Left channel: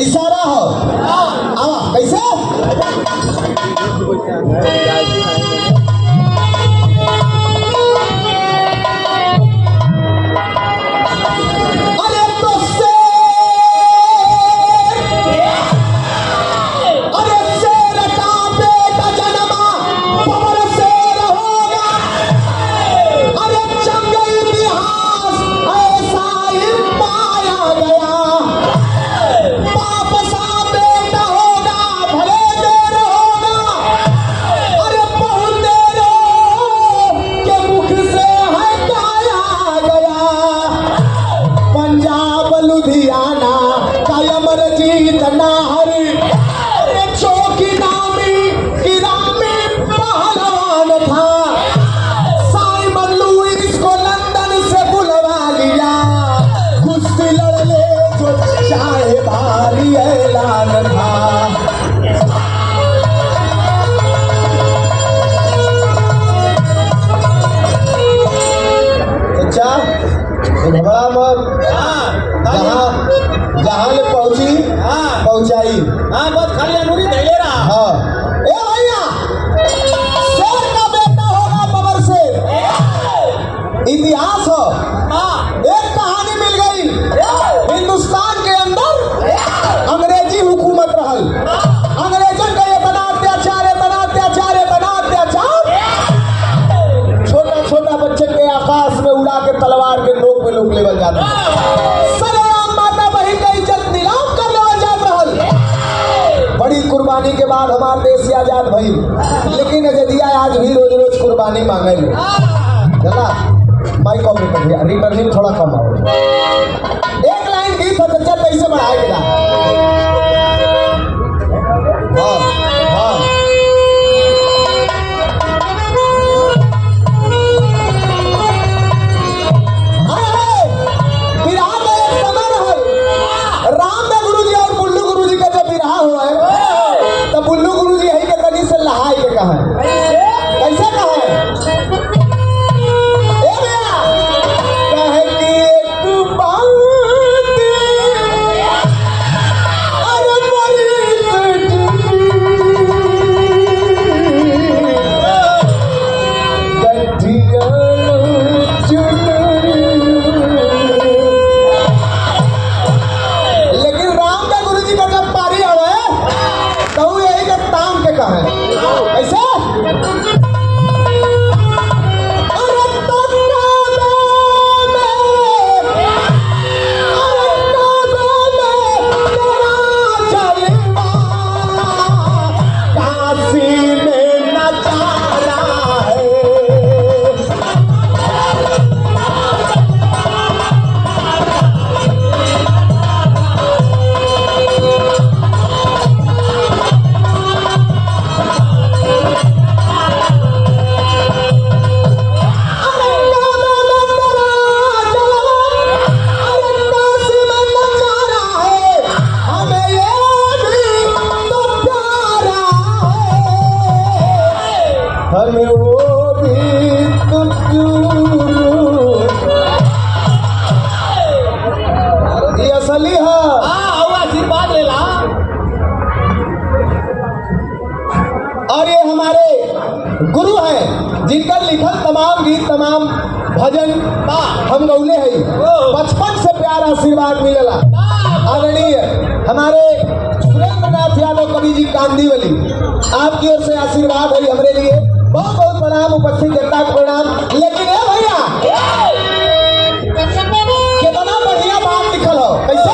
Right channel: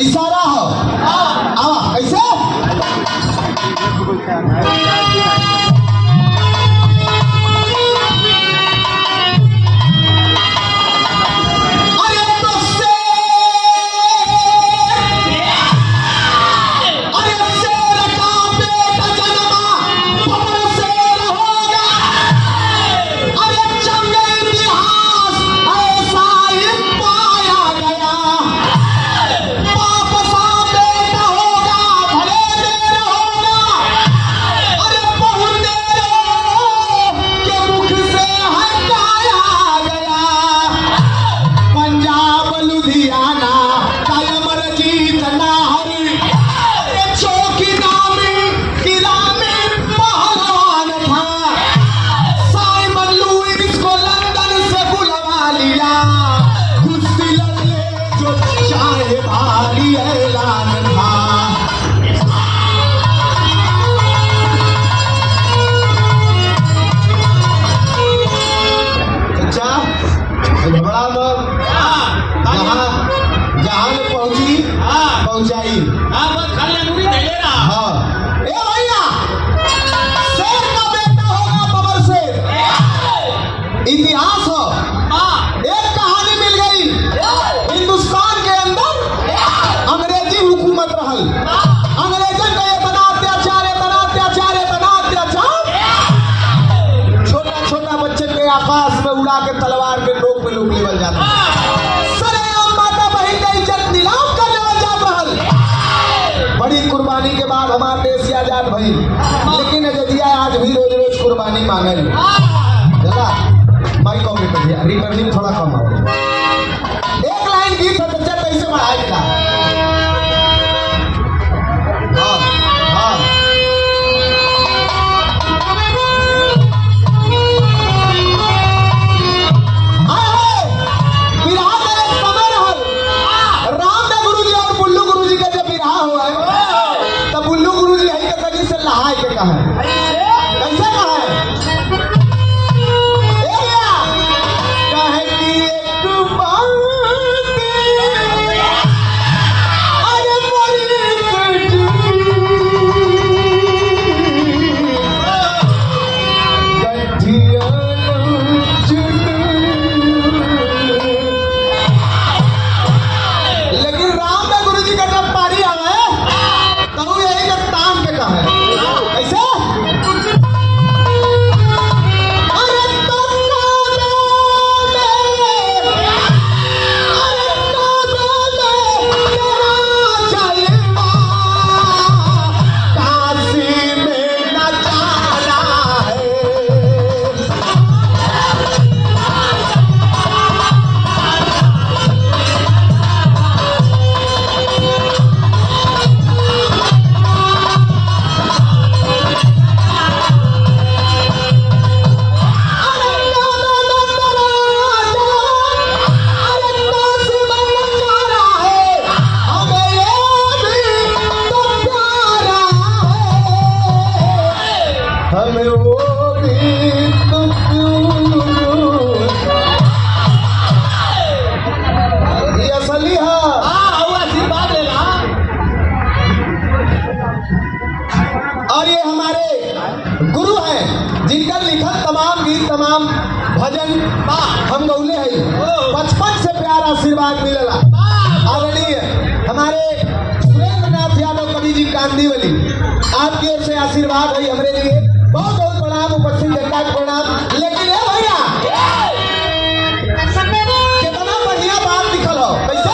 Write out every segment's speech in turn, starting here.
इशारा हो। कैसे? इतिहास हो। एक कहानी मिल गई, हिंदुस्तान के अंदर अंग्रेजी हुकूमत रहल। अंग्रेजन का इतना अत्याचार, इतना अत्याचार, इतना अत्याचार, छोटा छोटा बच्चे के आकाश में उड़ा के तलवार के नोक पे लोग लेवल जाते, सरेआम माता बहन का इज्जत नीलाम कर लेवल जात रहल। बड़ी कुर्बानी के बाद हमारे देश आजाद भई, लेकिन जदिया आज भी रोज रोज कुर्बानी मांगे माइक ऑपरेटर भैया रिटर्निंग थोड़ा कम आओ। एक लाइन गीत है बच्चा कैसे बढ़ाएगा? हाँ हाँ विराह में एक समय रहल, रामदेव गुरुजी और बुल्लू गुरुजी का जब विराह हुआ है तब बुल्लू गुरुजी है के तनी से लहाई के कहा कैसे कहा गुरु हैं जिनका लिखल तमाम गीत तमाम भजन हम गौले हैं। बचपन से प्यार आशीर्वाद मिलेला। आदरणीय हमारे सुरेंद्र नाथ यादव कवि जी कांदीवली, आपकी ओर से आशीर्वाद है हमारे लिए। बहुत बहुत प्रणाम, उपस्थित जनता को प्रणाम। लेकिन भैया कितना बढ़िया बात लिखल हो, कैसे?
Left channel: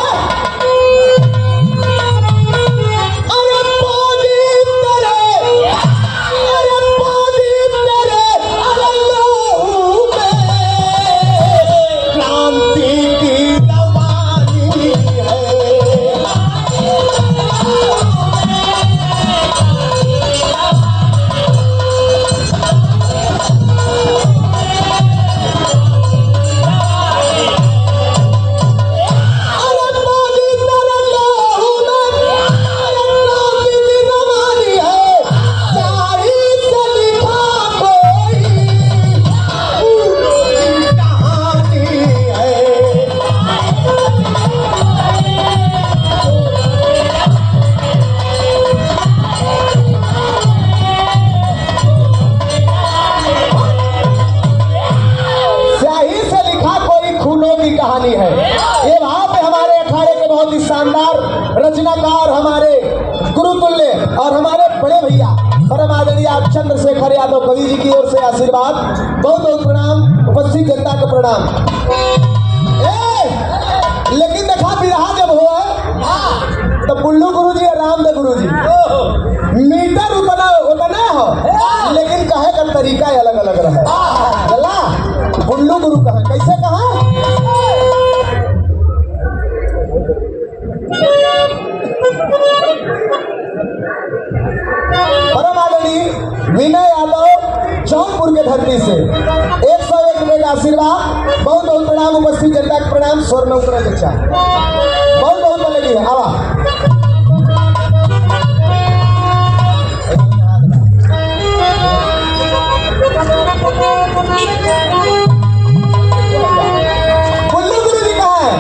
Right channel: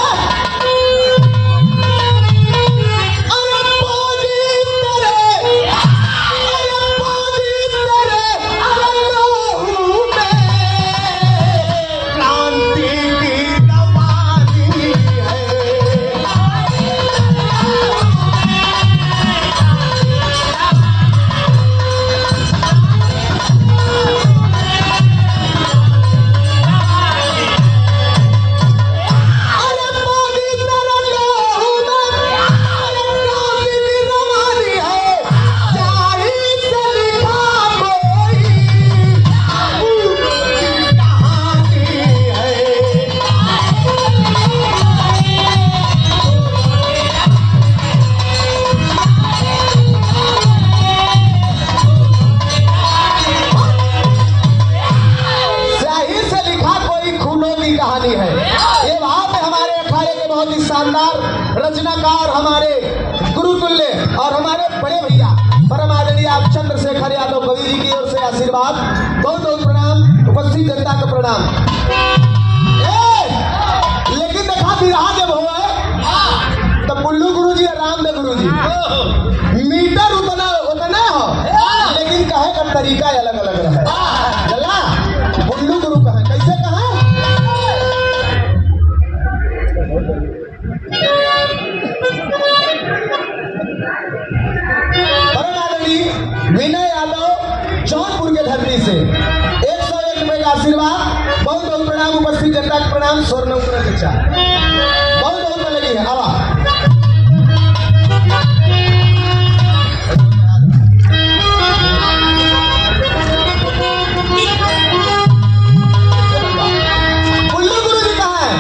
और हमारे बड़े भैया परम आदरणीय आप चंद्रशेखर यादव कवि जी की ओर से आशीर्वाद, बहुत बहुत प्रणाम, उपस्थित जनता का प्रणाम। लेकिन देखा बिरहा जब हो तो पुल्लू गुरु जी, रामदेव गुरु जी मीटर उतना उतना हो, लेकिन कहे का तरीका अलग अलग रहे। चला पुल्लू गुरु कहे कैसे कहा, परम आदरणीय विनय यादव जौनपुर के धरती से 101 रुपए का आशीर्वाद, बहुत बहुत प्रणाम, उपस्थित जनता का प्रणाम। स्वर्ण उत्तर चर्चा बहुत बहुत लगी है। आवा पुल्लू गुरु जी कहा है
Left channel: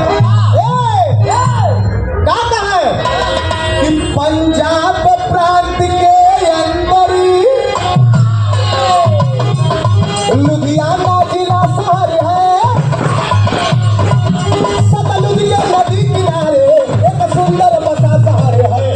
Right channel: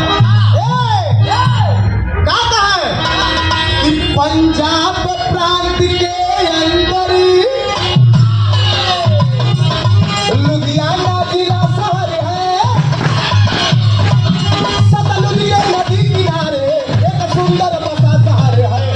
कि पंजाब प्रांत के अंदर लुधियाना जिला शहर है, सतलुज के नदी किनारे एक सुंदर बसा शहर है।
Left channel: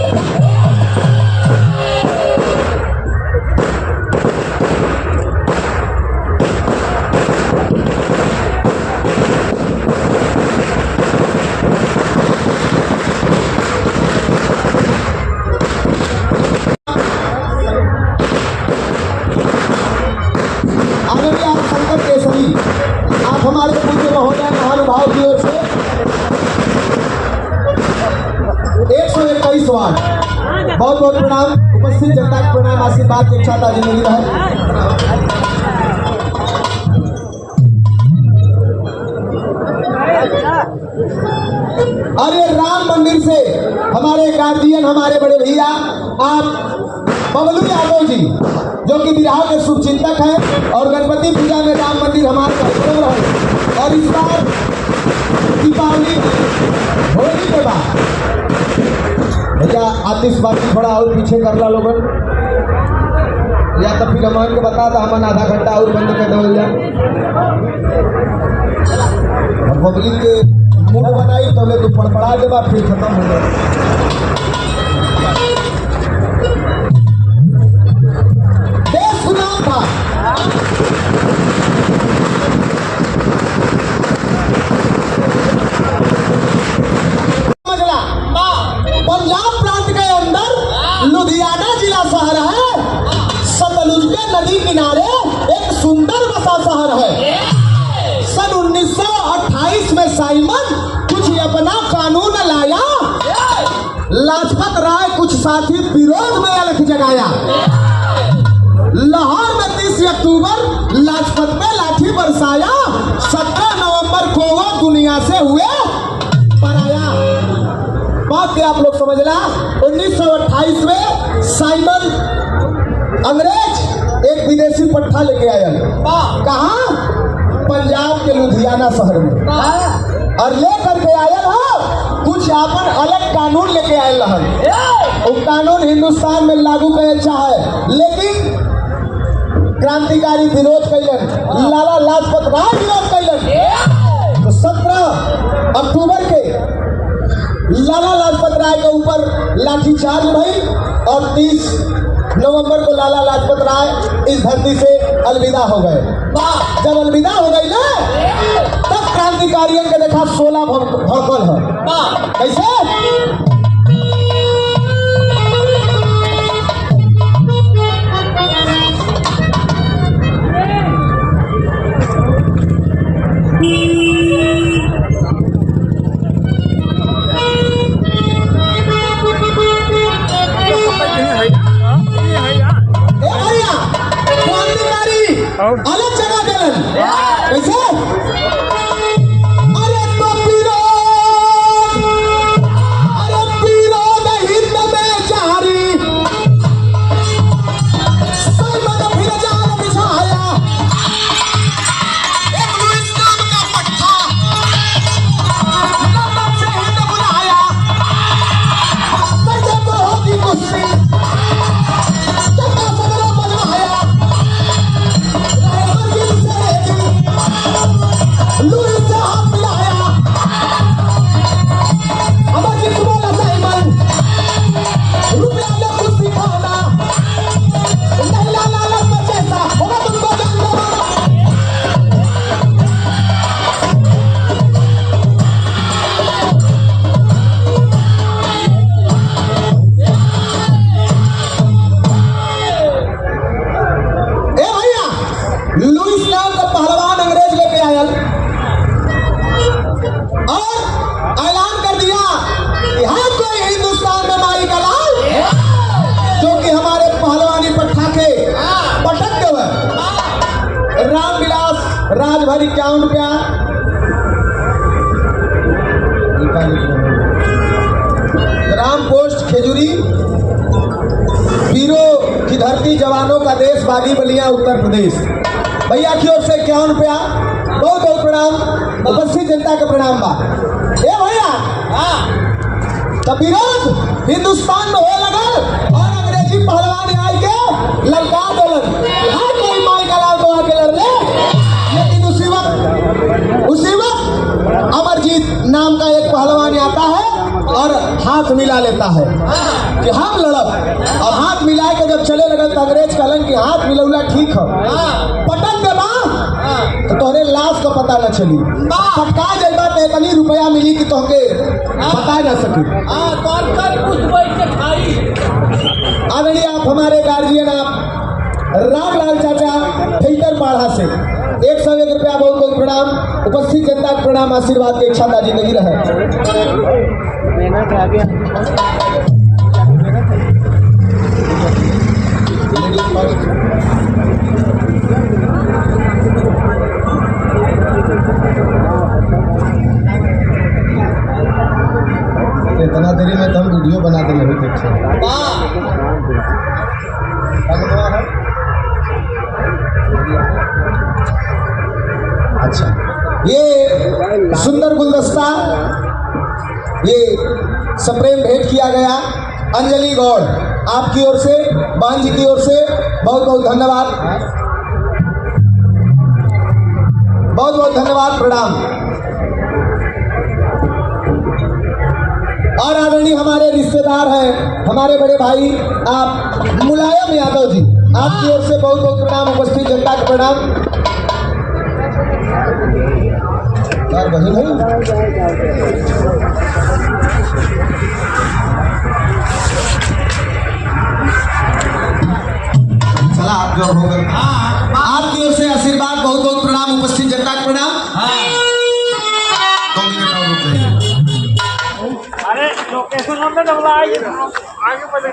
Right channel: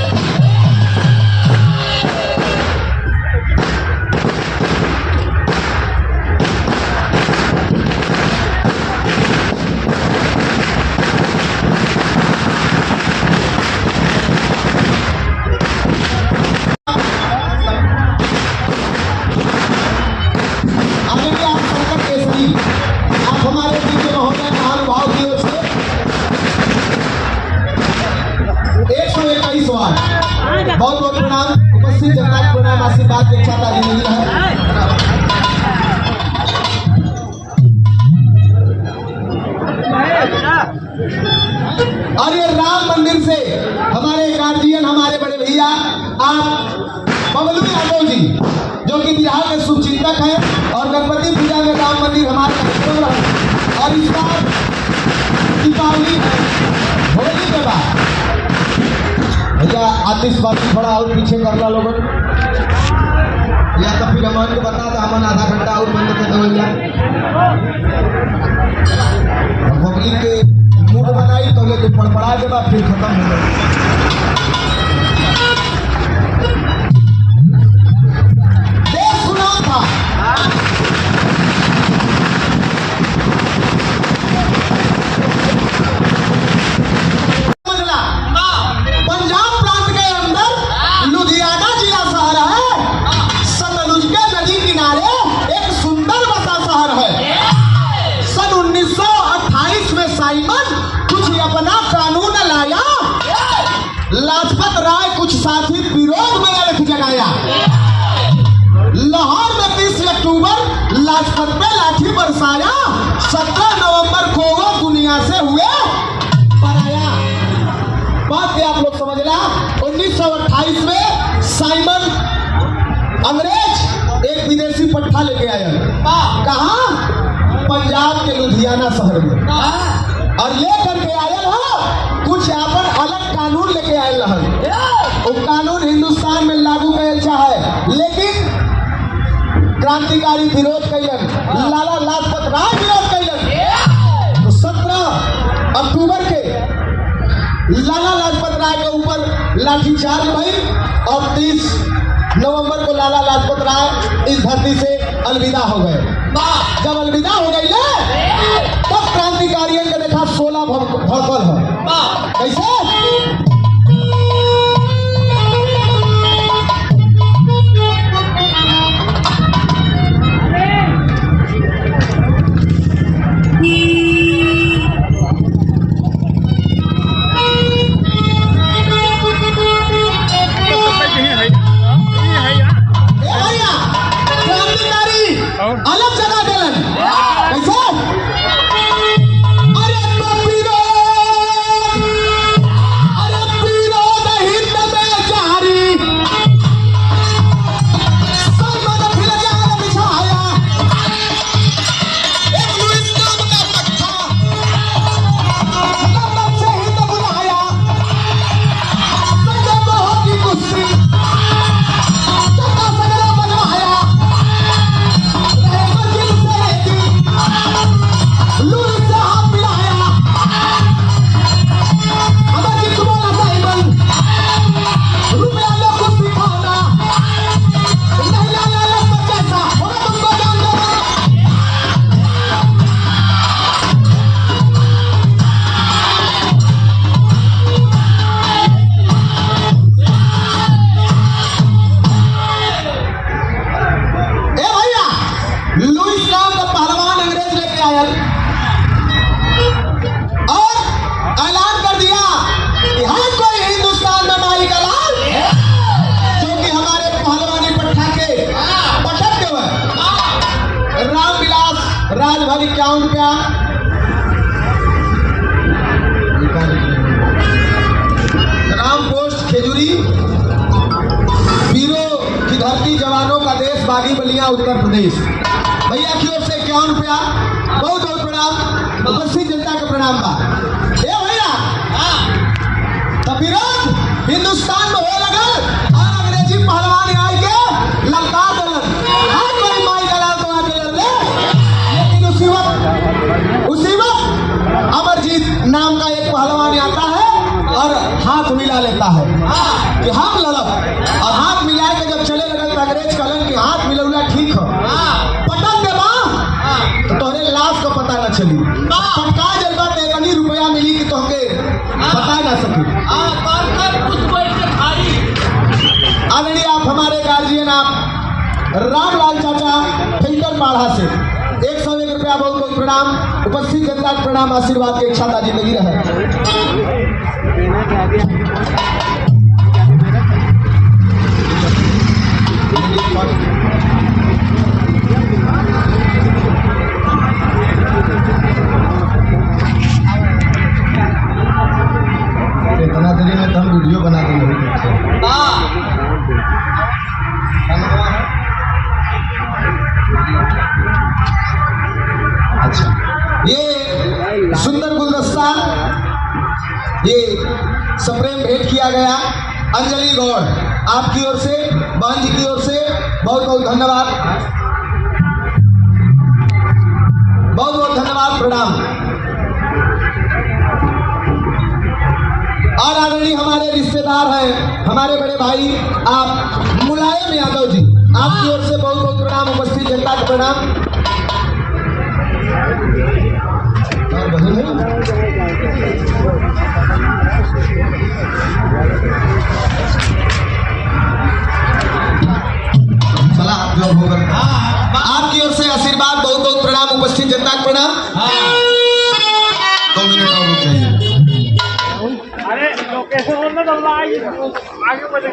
आप हमारे पीछे महोदय महानुभाव की ओर से 121 वार बहुत बहुत प्रणाम, उपस्थित जनता का प्रणाम, आशीर्वाद के साथ आगे मिल रहा है। और ये राम मंदिर से हमारे गार्जियन, हमारे बड़े भैया आप बबलू यादव जी, जो कि बिहार के शुभचिंतक हैं, और गणपति पूजा में राम मंदिर हमारे कार्यक्रम रहे। और इस बार दीपावली होली के बाद भैया आतिशबाजी थोड़ा और पीछे कर ला लोगन, या तो फिर हमान के बता था हमान आधा घंटा और बंद कर दो या पब्लिक के मूड बनाई तो ले तो फड़फड़ा के बाद फिर खत्म हो गए। पंजाब प्रांत के अंदर लुधियाना जिला शहर है, सतलुज के नदी किनारे एक सुंदर बसा शहर है। सन 1928 में साइमन कुछ अपना कानून लाया, लाजपत राय कुछ साथी विरोध में अलख जगाया। लाहौर में 30 अक्टूबर लाजपत में लाठी बरसाया, 17 नवंबर को वो दुनिया से हुए पराया। बात आप लोग समझना, 1928 में साइमन अंग्रेज एक विदेशी पट्टा लेके आया, कहा पंजाब के लुधियाना शहर में, और लेकर के आया कुछ आपन अलग कानून लेके आए रहन। वो कानून हिंदुस्तान में लागू करे चाहे, लेकिन क्रांतिकारी विरोध कैलन, लाला लाजपत राय विरोध कैलन। तो 17 अक्टूबर के लाला लाजपत राय के ऊपर लाठीचार्ज भई, और 30 नवंबर को लाला लाजपत राय इस धरती से अलविदा हो गए। जब अलविदा हो गई ना, तब क्रांतिकारियों के देखा 16 भड़कल है। कैसे? अलग जगह दिलन कैसे? अरे विरोध हिंद में जारी, साइमन फिर जान बिछाया, एक लुइस नाम का पट्टा लंदन से हिंद बुलाया। संजय को होगी कुश्ती, चक्का सगरों बनवाया, प्रदेश। भैया की ओर से 51 रुपया, बहुत बहुत प्रणाम, उपस्थित जनता के प्रणाम बा। ए भैया तो विरोध हिंदुस्तान में हो लगल और अंग्रेजी पहलवान आई के ललका दलन हर कोई माई गला तो आके लड़ ले, लेकिन उसी वक्त अमरजीत नाम का एक पहलवान आता है और हाथ मिला लेता है कि हम लड़ब, और हाथ मिला के जब चले लगल तो अंग्रेज कहलन कि हाथ मिलौला ठीक हो, पटक दे तो तोहरे लाश का पता न चली, पटका जल्दा तो इतनी रुपया मिली कि तोहके बता ना सकी। आदरणीय आप हमारे गार्जियन आप रामलाल चाचा फिल्टर बाढ़ा से 101 रुपया, बहुत बहुत प्रणाम, उपस्थित जनता का प्रणाम, आशीर्वाद के इच्छा जिंदगी रहे। इतना देरी में तो हम वीडियो बना के नहीं देखते। अच्छा, ये सुंदर गुलदस्ता ये सप्रेम भेंट किया गया अंजलि गौड़ आपकी ओर से, बहन जी की ओर से बहुत बहुत धन्यवाद, बहुत बहुत धन्यवाद, प्रणाम। और आदरणीय हमारे रिश्तेदार हैं, हमारे बड़े भाई आप मुलायम यादव जी, आपकी ओर से बहुत बहुत प्रणाम, उपस्थित जनता का प्रणाम। और बहन है चला आपकी ओर से आशीर्वाद, बहुत बहुत प्रणाम, उपस्थित जनता का प्रणाम। 2 मिनट और रुक जाइए। अरे लोकेशन हमने आगे बढ़े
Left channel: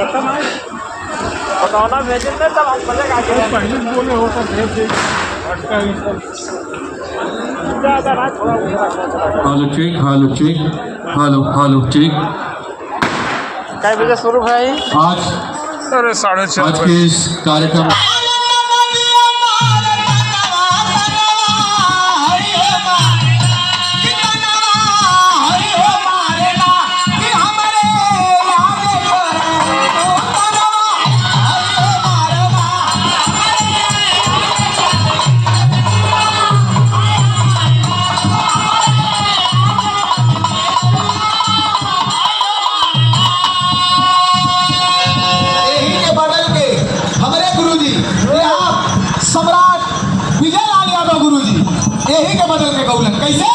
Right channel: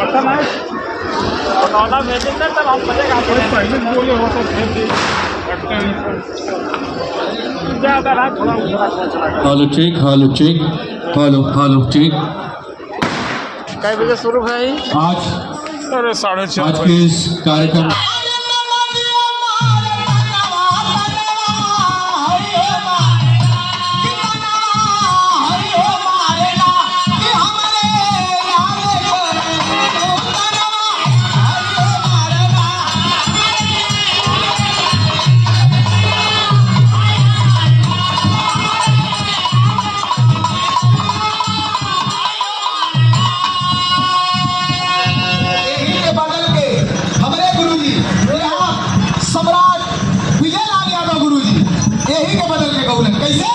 पता ना बताना भेजेंगे तब हम मजेगा पहले बोले हो तो भेज दे। Hello check, hello check, hello check. क्या बजे शुरू भाई? आज अरे 6:30 आज के इस कार्यक्रम यही के बदल के गौलन कैसे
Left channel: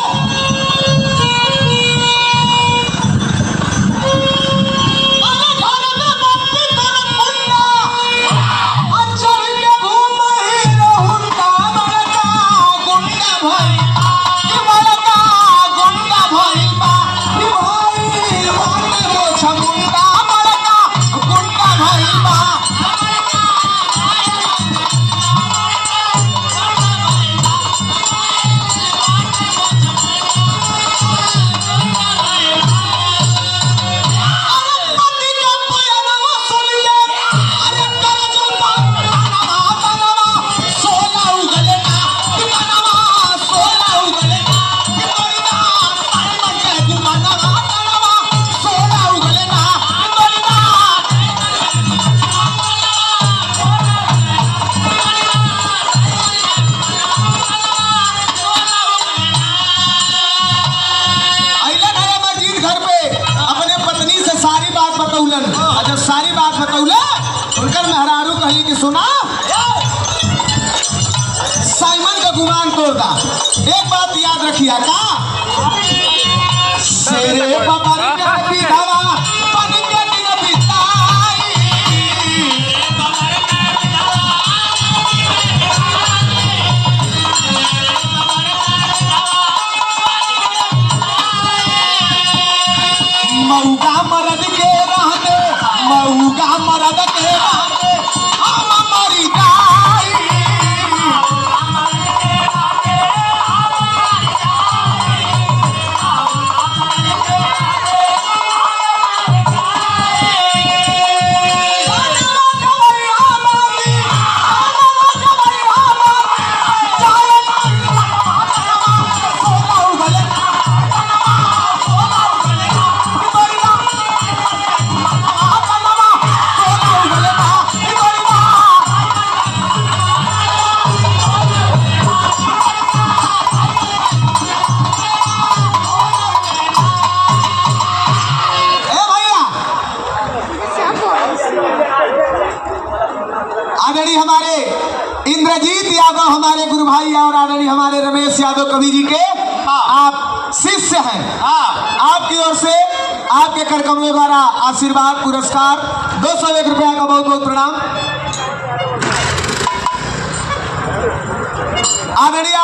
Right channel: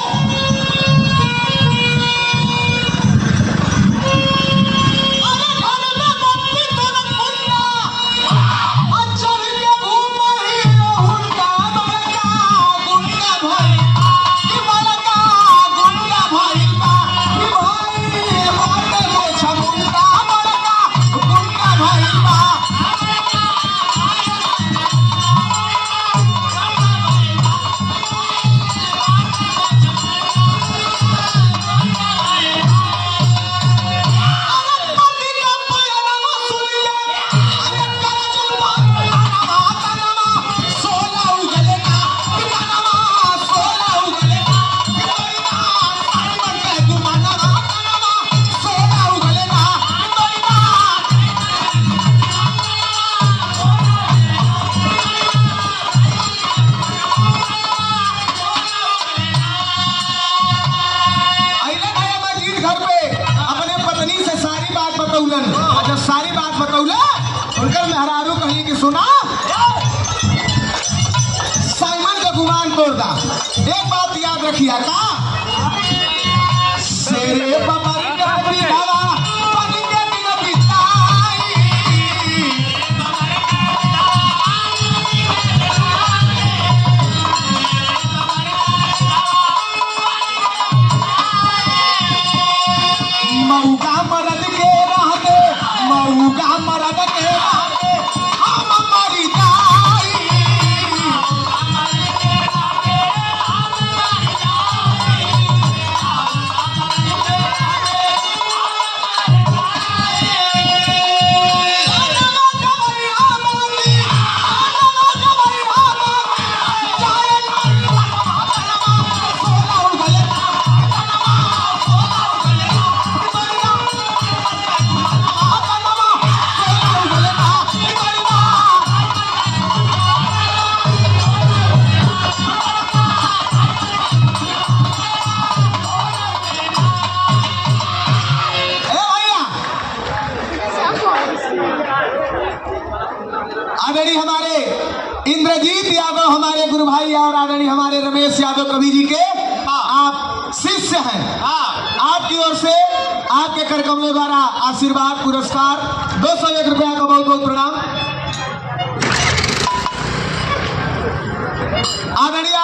सुना साइमन का गुमान तोड़दा। एक बात याद रखिया का शेरे बाबा मऊगा मरद के रहते, मऊगा मरद के रहते हमारी गाई। आदरणीय हमारे इंद्रजीत यादव हमारे गुरु भाई और आदरणीय हमारे रमेश यादव कवि जी के आप शिष्य हैं। आपकी ओर से आपके करकमलों द्वारा आशीर्वाद पुरस्कार 201 रुपया का बहुत बहुत प्रणाम। आदरणीय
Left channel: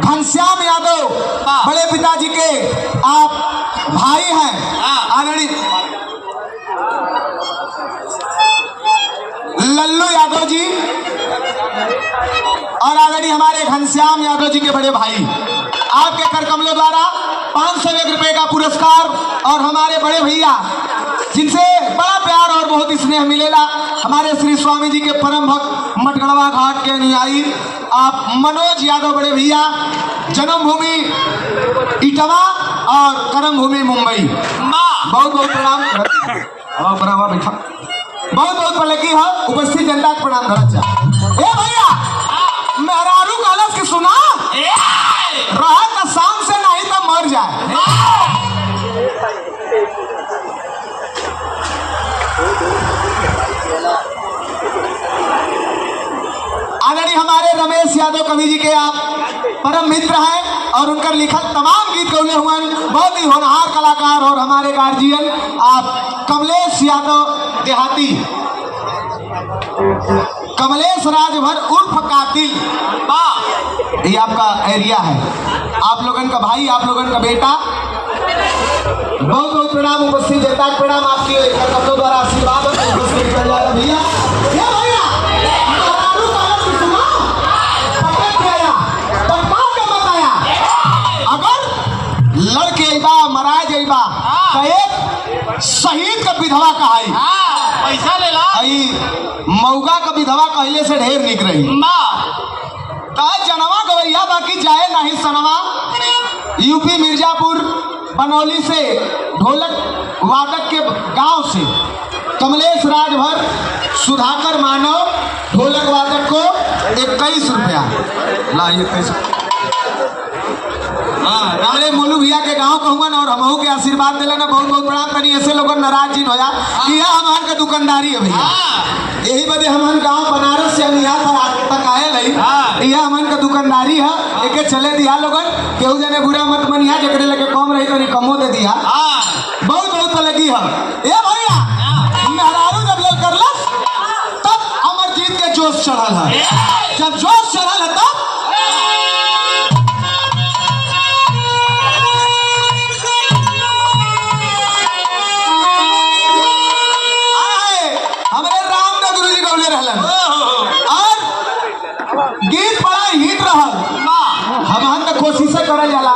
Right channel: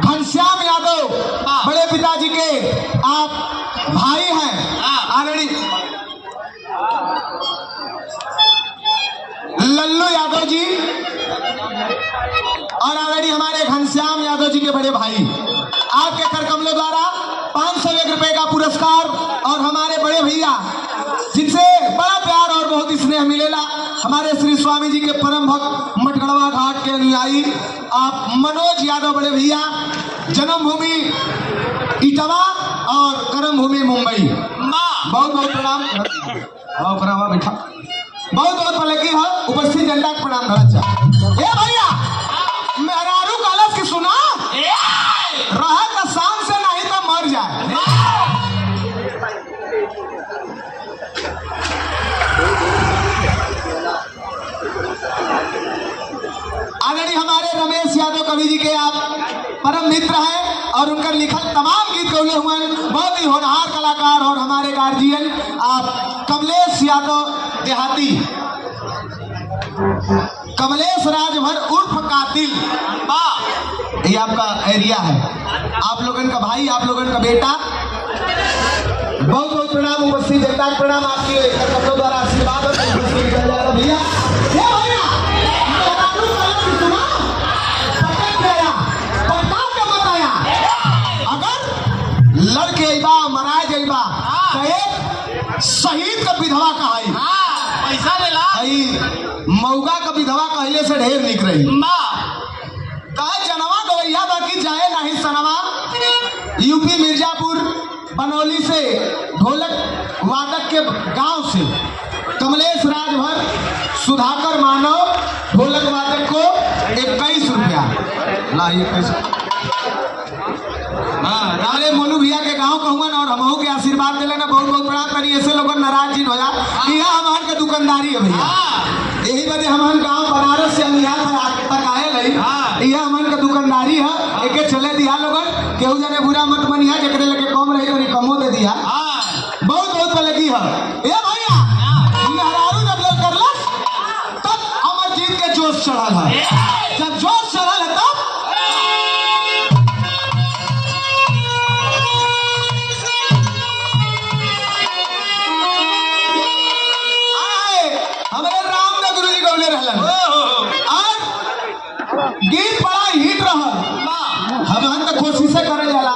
घनश्याम यादव बड़े पिताजी के आप भाई हैं। आदरणीय लल्लू यादव जी और आदरणीय हमारे घनश्याम यादव जी के बड़े भाई आपके करकमलों द्वारा 501 रुपए का पुरस्कार और हमारे बड़े भैया जिनसे बड़ा प्यार और बहुत स्नेह मिलेगा हमारे श्री स्वामी जी के परम भक्त मटगड़वा घाट के अनुयायी आप मनोज यादव बड़े भैया जन्मभूमि इटावा और कर्म भूमि मुंबई। बहुत बहुत प्रणाम बैठा बहुत बहुत पहले की है उपस्थित जनता को प्रणाम करना चाह। ए भैया मेहरारू कलश की सुना रहा का शाम से नहीं तो मर जाए। आदरणीय हमारे रमेश यादव कवि जी के आप परम मित्र हैं और उनका लिखत तमाम गीत गौले हुए बहुत ही होनहार कलाकार और हमारे गार्जियन आप कमलेश यादव देहाती कमलेश राजभर उर्फ कातिल ये आपका एरिया है। आप लोगन का भाई आप लोगन का बेटा बहुत बहुत प्रणाम उपस्थित जनता का प्रणाम आपके करकमलों द्वारा आशीर्वाद उपस्थित किया जा रहा भैया। अगर लड़के अबा मरा जाइबा तो एक शहीद का विधवा कहाई पैसा ले ला मौगा का विधवा कहले से ढेर निक रही कहे जनवा गवैया बाकी जाए नहीं सनवा। यूपी मिर्जापुर बनौली से ढोलक वादक के गांव से कमलेश राजभर सुधाकर मानव ढोलक वादक को 21 रुपया ला 21। हमारे मोलू भैया के गांव कहूँगा ना और हमहू के आशीर्वाद दिले ना बहुत बहुत प्रणाम करी ऐसे लोग नाराज जी हो जा यह हमारे का दुकानदारी है भैया यही वजह हमारे गांव बनारस से अनिया तक आए लई यह हमारे का दुकानदारी है एक चले दिया लोगन केहू जने बुरा मत मनिया जकरे लगे कम रही तो कमो दे दिया बहुत बहुत लगी है। ए भैया मेहरारू जब लोग करलस तब अमरजीत के जोश चढ़ल है जब जोश चढ़ल है तब गीत बड़ा हिट रहल हम तो कोशिश करल जाला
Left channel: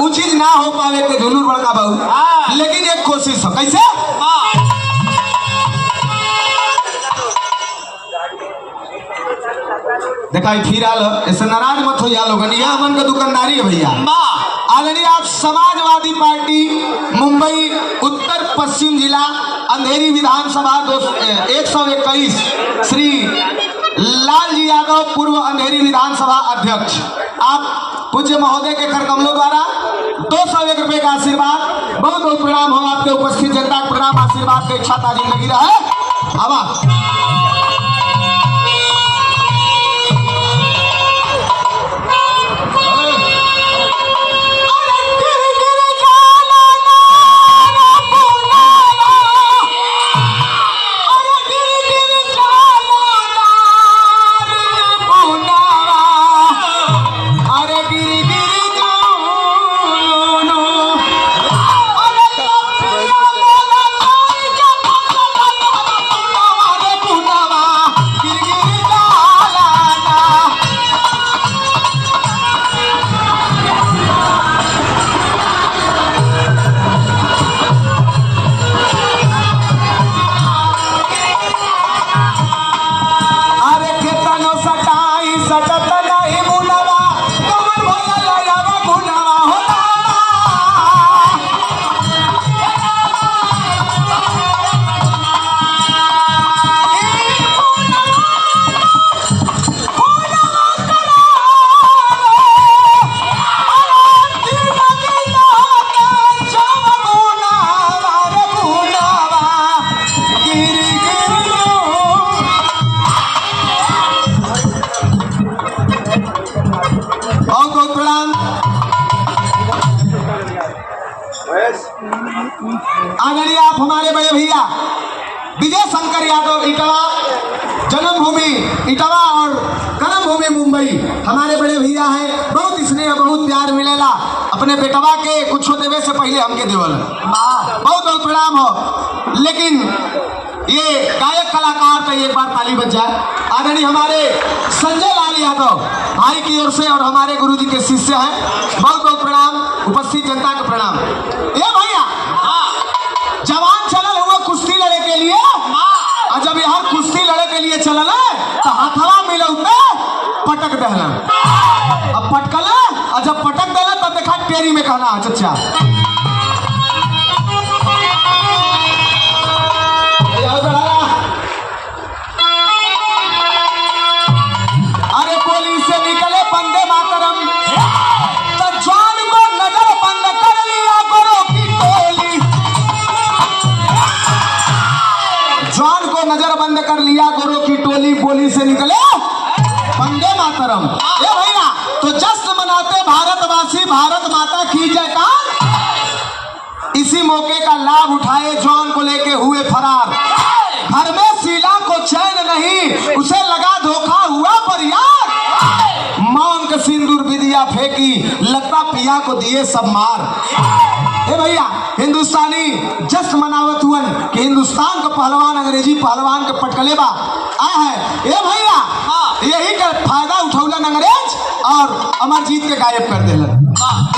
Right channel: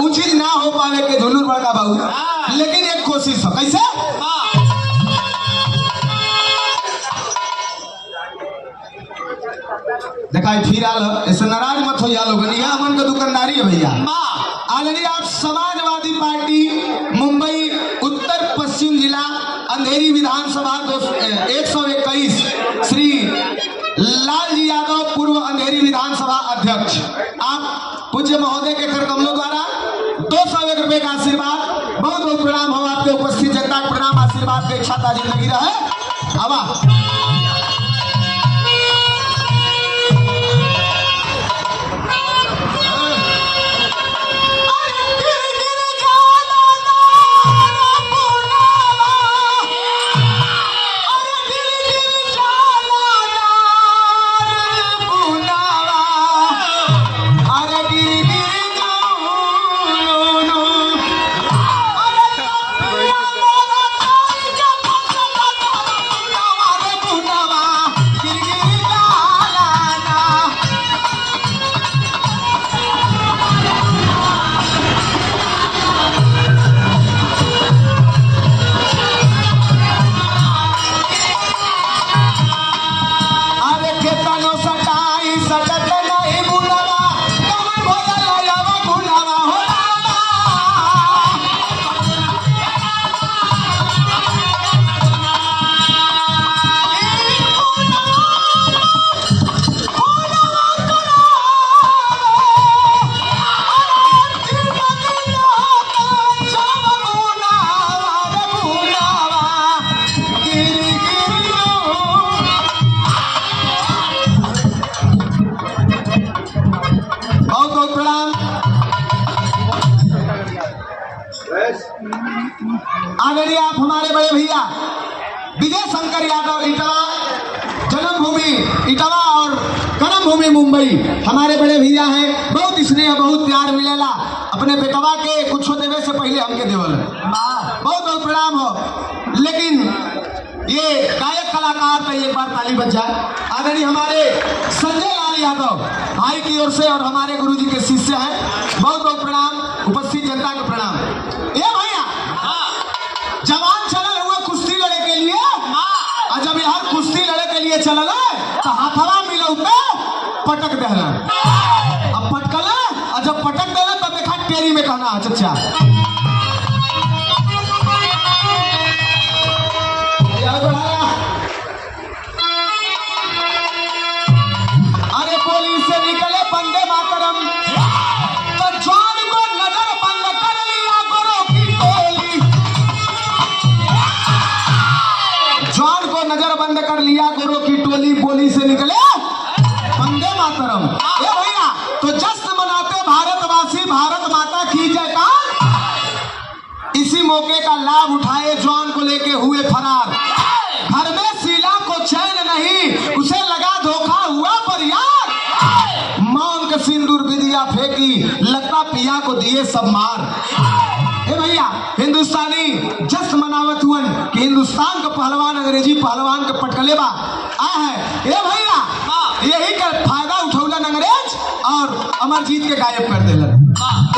उ चीज ना हो पावे के झुलूर बड़का बहु लेकिन एक कोशिश हो कैसे देखा फिर आल ऐसे नाराज मत हो या लोगन यह हमन का दुकानदारी है भैया। ऑलरेडी आप समाजवादी पार्टी मुंबई उत्तर पश्चिम जिला अंधेरी विधानसभा 121 श्री लालजी यादव पूर्व अंधेरी विधानसभा अध्यक्ष आप पूज्य महोदय के करकमलों द्वारा 201 रुपए का आशीर्वाद बहुत बहुत प्रणाम हो आपके उपस्थित जनता का प्रणाम आशीर्वाद का इच्छा ताजी लगी रहे हवा। विजय शंकर यादव इटावा, जन्मभूमि इटावा और कर्मभूमि मुंबई। हमारे बड़े भैया हैं, बहुत स्नेह बहुत प्यार मिलेला। अपने बेटवा के कुछ देवे से पहले हमके देवल, बहुत बहुत प्रणाम हो। लेकिन ये गायक कलाकार तो एक बार ताली बज जाए। आदरणीय हमारे संजय लाल यादव भाई की ओर से और हमारे गुरुजी के शिष्य हैं, बहुत बहुत प्रणाम। उपस्थित जनता को प्रणाम। ये भैया जवान चलल हुआ कुश्ती लड़े के लिए, और जब यहाँ कुश्ती लड़े के लिए चलल तो हथवा मिलौ पे पटक दहला। अब पटकल और जब पटक दहला तब देखा टेरी में कहना चचा अरे पुलिस से निकले बंदे मातरम, तो जान को नजर बंद कर लिया गोरों की टोली। जान को नजर बंद कर लिया गोरों की टोली, बोली से निकले बंदे मातरम। ए भैया तो जश्न मनाते भारतवासी, भारत माता की जयकार। इसी मौके का लाभ उठाए जवान को लेके हुए फरार। घर में शीला को चैन नहीं, उसे लगा धोखा हुआ पर यार। मांग का सिंदूर विदिया फेंकी, लता पिया को दिए सब मार। ए भैया हिंदुस्तानी जश्न मनावत हुआ कि हिंदुस्तान का पहलवान अंग्रेजी पहलवान के पटकले बा आया है। ए भैया यही का फायदा उठौलन अंग्रेज और अमरजीत के गायब कर देलन।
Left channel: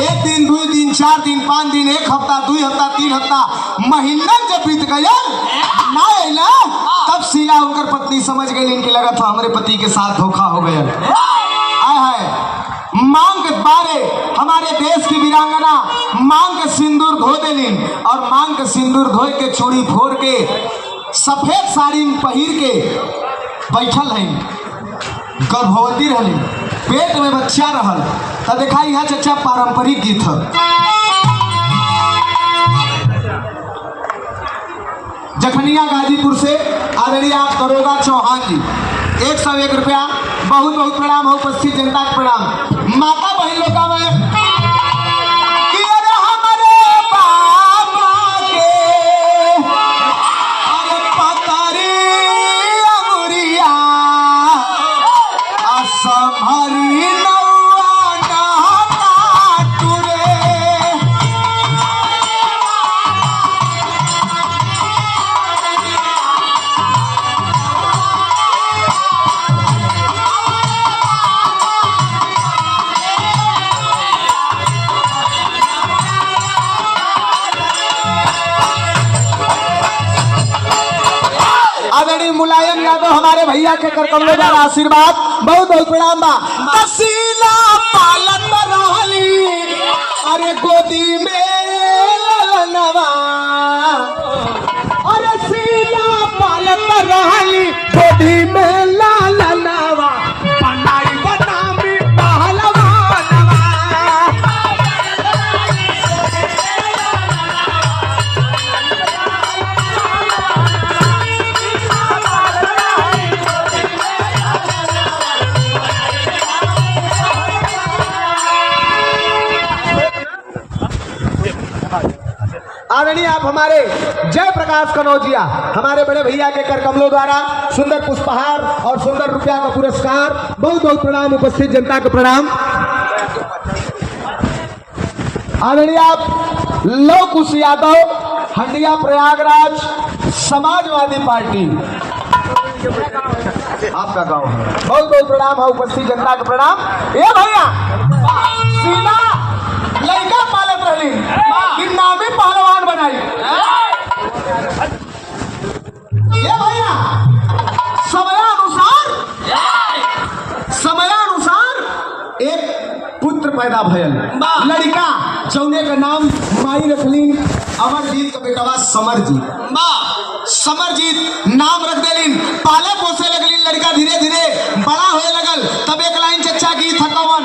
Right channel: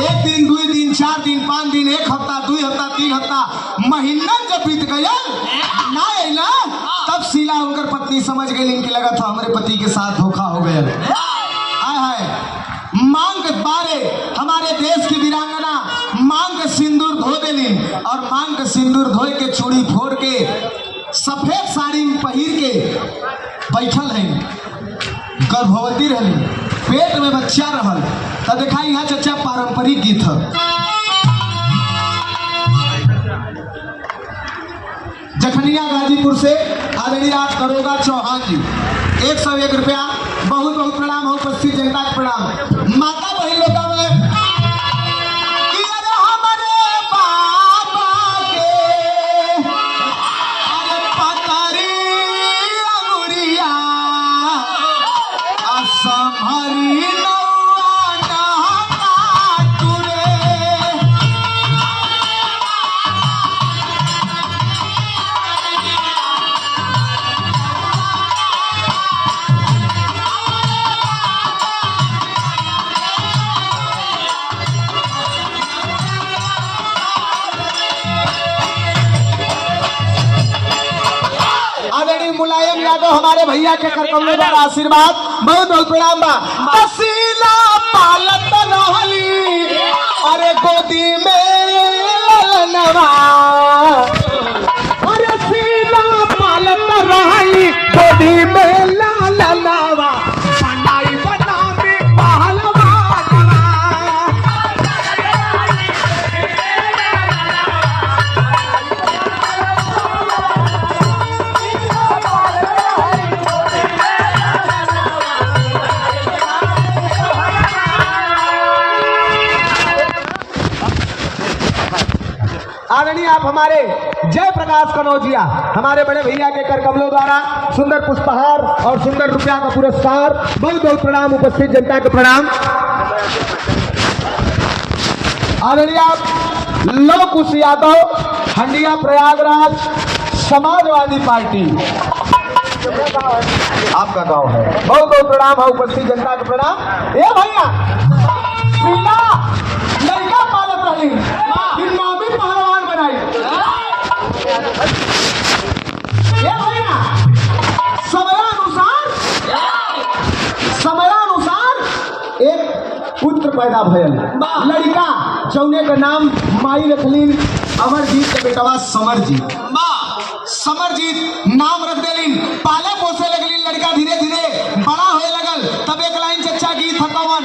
एक दिन, दो दिन, 4 दिन, 5 दिन, 1 हफ्ता, 2 हफ्ता, 3 हफ्ता, महीना जब बीत गया ना अला, तब शीला उनकर पत्नी समझ गई। इनकी लगा था हमारे पति के साथ धोखा हो गया। आया है मांग के बारे हमारे देश की वीरांगना मांग का सिंदूर धो देली, और मांग का सिंदूर धोए के चूड़ी फोड़ के सफेद साड़ी पहिर के बैठल है, गर्भवती रहली, पेट में बच्चा रहल। तब देखा यहाँ चचा पारंपरिक गीत है। जखनिया गाजीपुर से आदरणीय आप दरोगा चौहान जी 101 रुपया, बहुत बहुत प्रणाम हो। उपस्थित जनता का प्रणाम। माता बहन लोग का मैं कि अरे हमारे बाबा के अरे पतरी अंगुरिया असमरी नौआ नहका टुरे। आदरणीय मुलायम यादव हमारे भैया के करकमलों का आशीर्वाद, बहुत बहुत प्रणाम बा। तसीला पालत रहली अरे गोदी में ललनवा, अरे सीला पालत रहली गोदी में ललनवा, बनाई बनामी पहलवानवा। आदरणीय आप हमारे जय प्रकाश कनौजिया हमारे बड़े भैया के कर कमलों द्वारा सुंदर पुष्पहार और सुंदर रुपया का पुरस्कार, बहुत बहुत प्रणाम। उपस्थित जनता को प्रणाम। आदरणीय आप लव कुश यादव हंडिया प्रयागराज समाजवादी पार्टी आपका गांव है, बहुत बहुत प्रणाम है। उपस्थित जनता को प्रणाम। ये भैया सीधा लड़का पालत रही कि नामी पहलवान बनाई। ये भैया समयानुसार एक पुत्र पैदा भयल, लड़का जौने का नाम माई रखलीन अमरजीत के बेटवा समरजीत। समरजीत नाम रख देलिन, पाले पोसे लगलिन। लड़का धीरे धीरे बड़ा होए लगल। तब एक लाइन चच्चा गीत हकवन,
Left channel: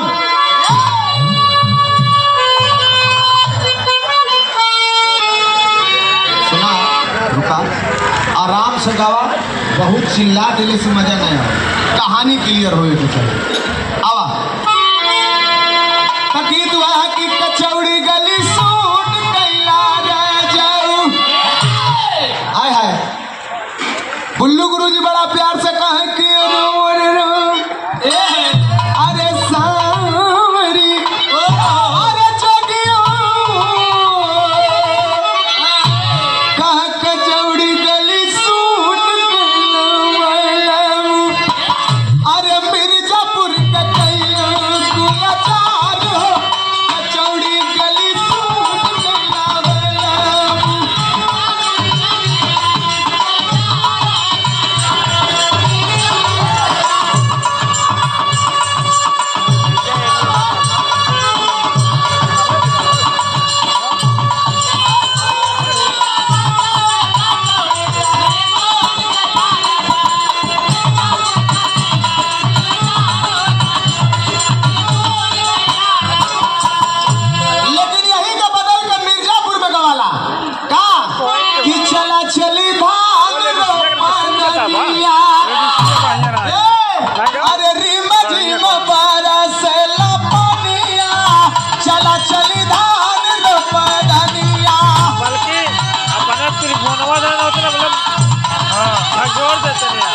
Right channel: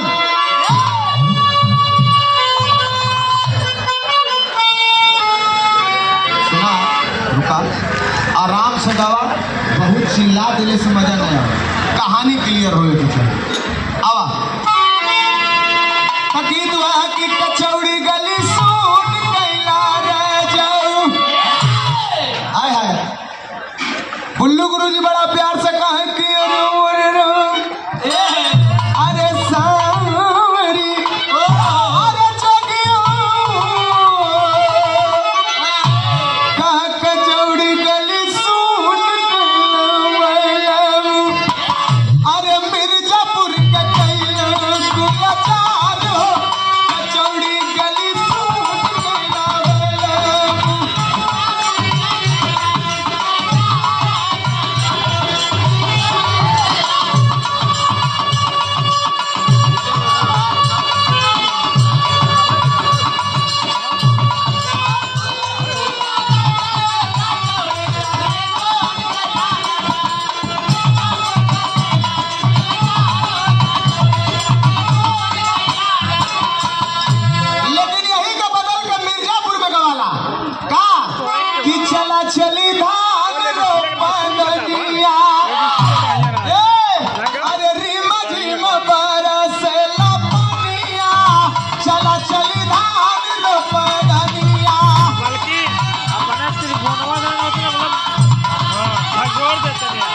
आराम से गावा, बहुत चिल्ला देने से मजा नहीं आया। कहानी क्लियर हो गीत वह की कचौड़ी गली सूट कैला रे जाऊ। आय हाय बुल्लू गुरुजी बड़ा प्यार से कहे कि अरे सावरी अरे जगियो कहा कचौड़ी गली सूट अरे मिर्जापुर के कैला गुलजार हो कचौड़ी गली सूट लेकिन यही का बदल के मिर्जापुर में गवाला का कि चला चली भाग रोपनिया अरे रीमा रीमा बरसेला पानिया चला चली धान रोपनिया बल्कि अपने त्रिभुवनवा देना होता ना मतलब हाँ जोड़ देते हैं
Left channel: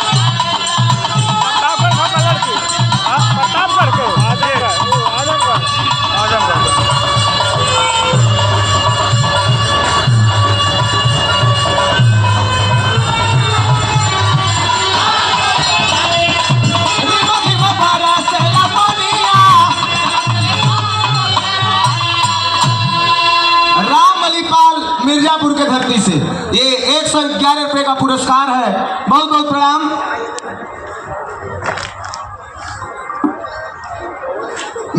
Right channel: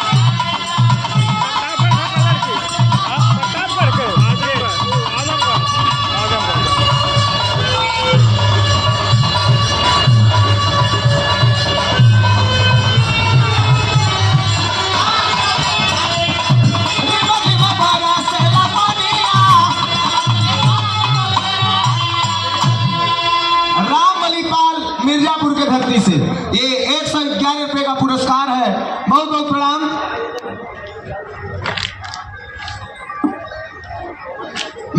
प्रतापगढ़ का लड़की हाँ प्रतापगढ़ के आजमगढ़ रीमा रीमा बरसेला पानिया राम अलीपाल मिर्जापुर के धरती से ये 111 रुपए का पुरस्कार है। बहुत बहुत प्रणाम।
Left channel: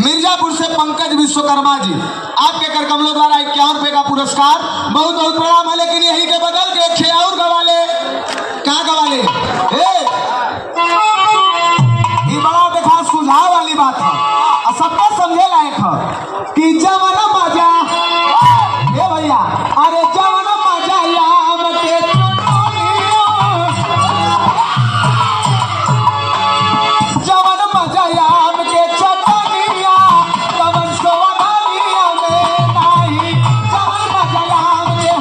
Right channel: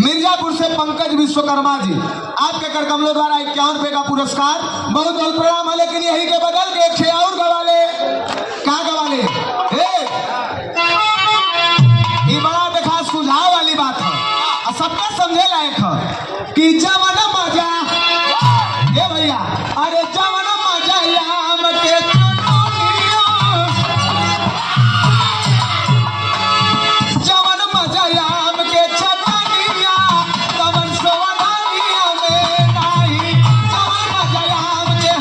मिर्जापुर से पंकज विश्वकर्मा जी आपके कर कमलों द्वारा 51 रुपए का पुरस्कार। बहुत बहुत प्रणाम है। लेकिन यही के बदल के एक और गवाले क्या गवाले ये बड़ा देखा सुझाव वाली बात है और सबका समझे लायक है कि जवन मजा ए भैया अरे जवन मजा याम के चटनिया जवन मजा याम के चटनिया तवन सोवनिया में नाही जवन मजा याम के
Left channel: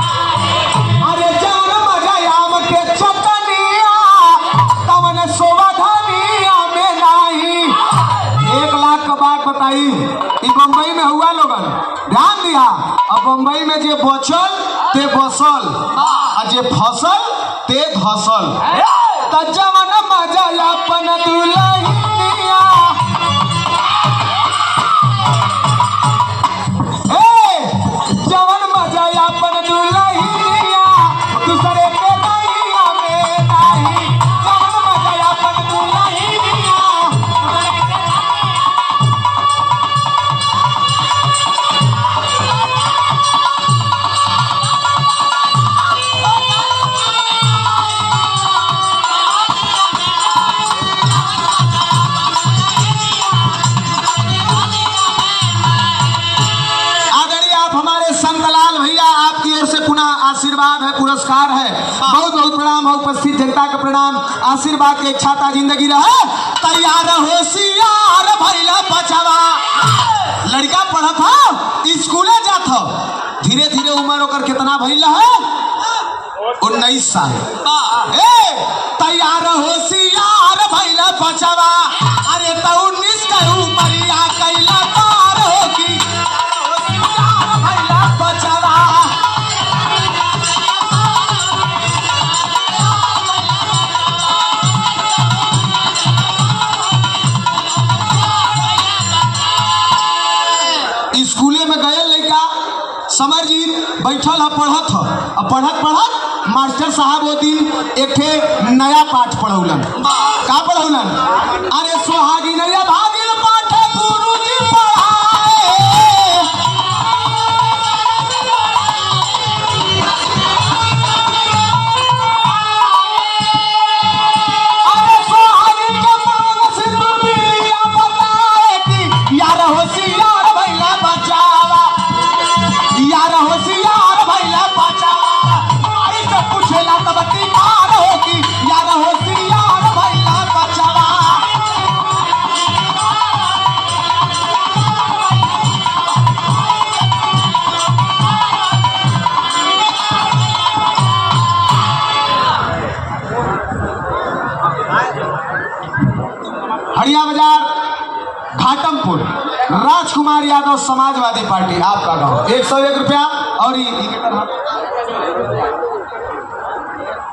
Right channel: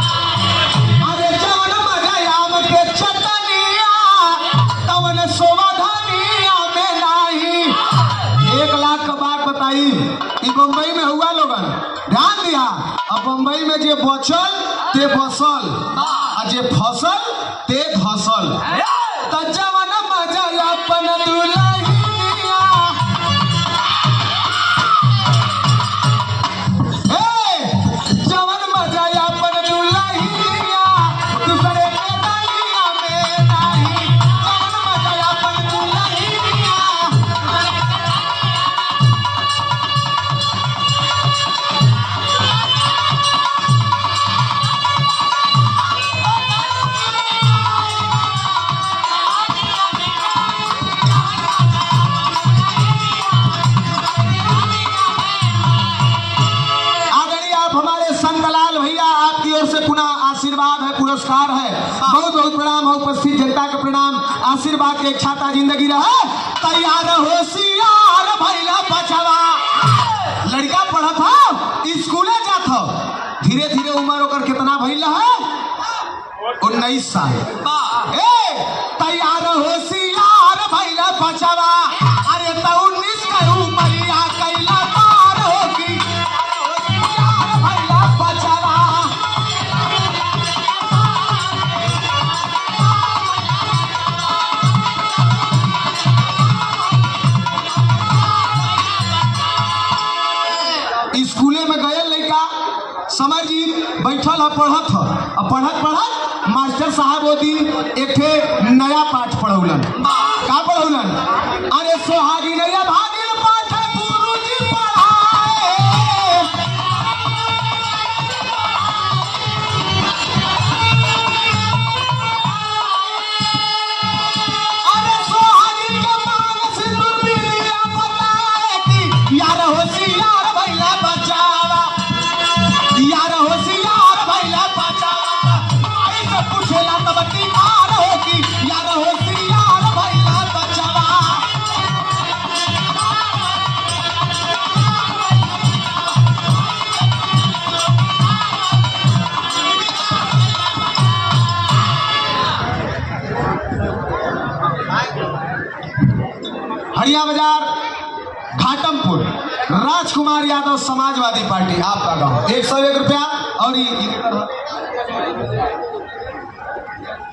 अरे जवन मजा याम के चटनिया तवन सोवनिया में नाही। 1 लाख का बात बताई ई बम्बई में हुआ लोगन ध्यान दिया। अब बम्बई में जे बचल ते बसल आ जे फसल ते घसल त जवन मजा अपन दुल्हनिया जवन मजा अपन दुल्हनिया दूसरे के दुनिया में नाही जवन मजा अपन दुल्हनिया आदरणीय आप हमारे संतलाल भैया आपकी ओर से पुनः आशीर्वाद है पुरस्कार है। बहुत बहुत प्रणाम है। उपस्थित जनता का प्रणाम। आशीर्वाद के एक छाता जिंदगी रहे तैयार होशियार भैला बचावा लड़का पढ़त था स्कूले जात हो धीरे धीरे उम्र ओकर कितना भैला है 19 साल तैयार होशियार भैला बचावा अरे तो 19 का उमरिया कैला तार होगी होशियार भैला बचावा स्कूले में गए लड़का समर जी बैठल है पढ़त है और पढ़त मास्टर साहब वो दिन एक नया पाठ पढ़ौलन का पढ़ौलन अरे सोहागी नया भागिन पाठ गुरुजी पढ़ाए अरे सोहागी के मांग सिंदूर बिलिया बताए कि यार होशियार भैला बचावा यार होशियार भैला बचावा आई से पूछेला तब बीमार होगी यार होशियार भैला बचावा राजकुमार यादव समाजवादी पार्टी आपका गांव 101 रुपया। और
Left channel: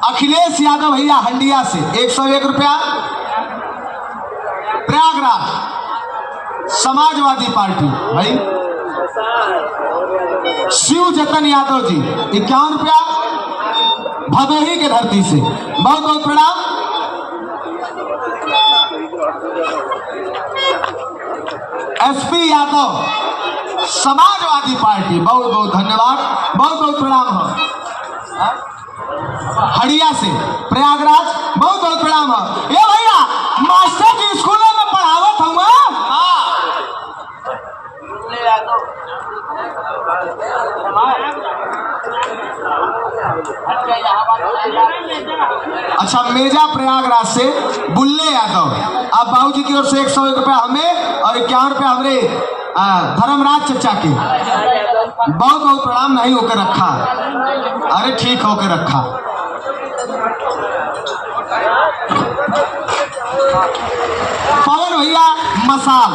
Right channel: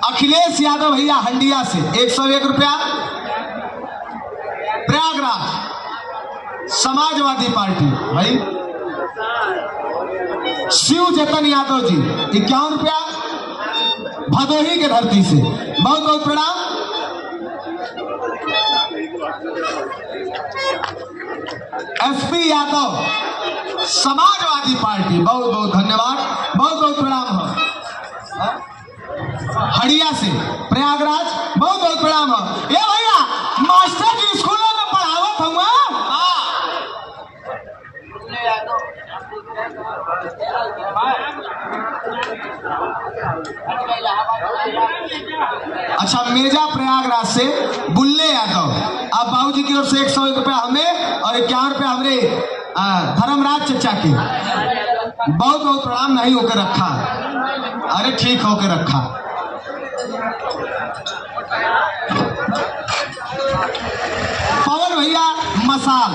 अखिलेश यादव भैया हंडिया से 101 रुपया। प्रयागराज समाजवादी पार्टी भाई शिव जतन यादव जी 51 रुपया भदोही के धरती से बहुत बहुत प्रणाम। एसपी यादव समाजवादी पार्टी बहुत बहुत धन्यवाद बहुत बहुत प्रणाम है। हड़िया से प्रयागराज बहुत बहुत प्रणाम है। ये भैया मास्टर जी स्कूलों में पढ़ावत हूँ अच्छा मेजा प्रयागराज से बुल्ले यादव अब बाबूजी की ओर से 101 रुपया हमें और 51 रुपया हमारे धर्मराज चचा के बहुत बहुत प्रणाम। नहीं होकर रखा अरे ठीक होकर रखा। पवन भैया मसाल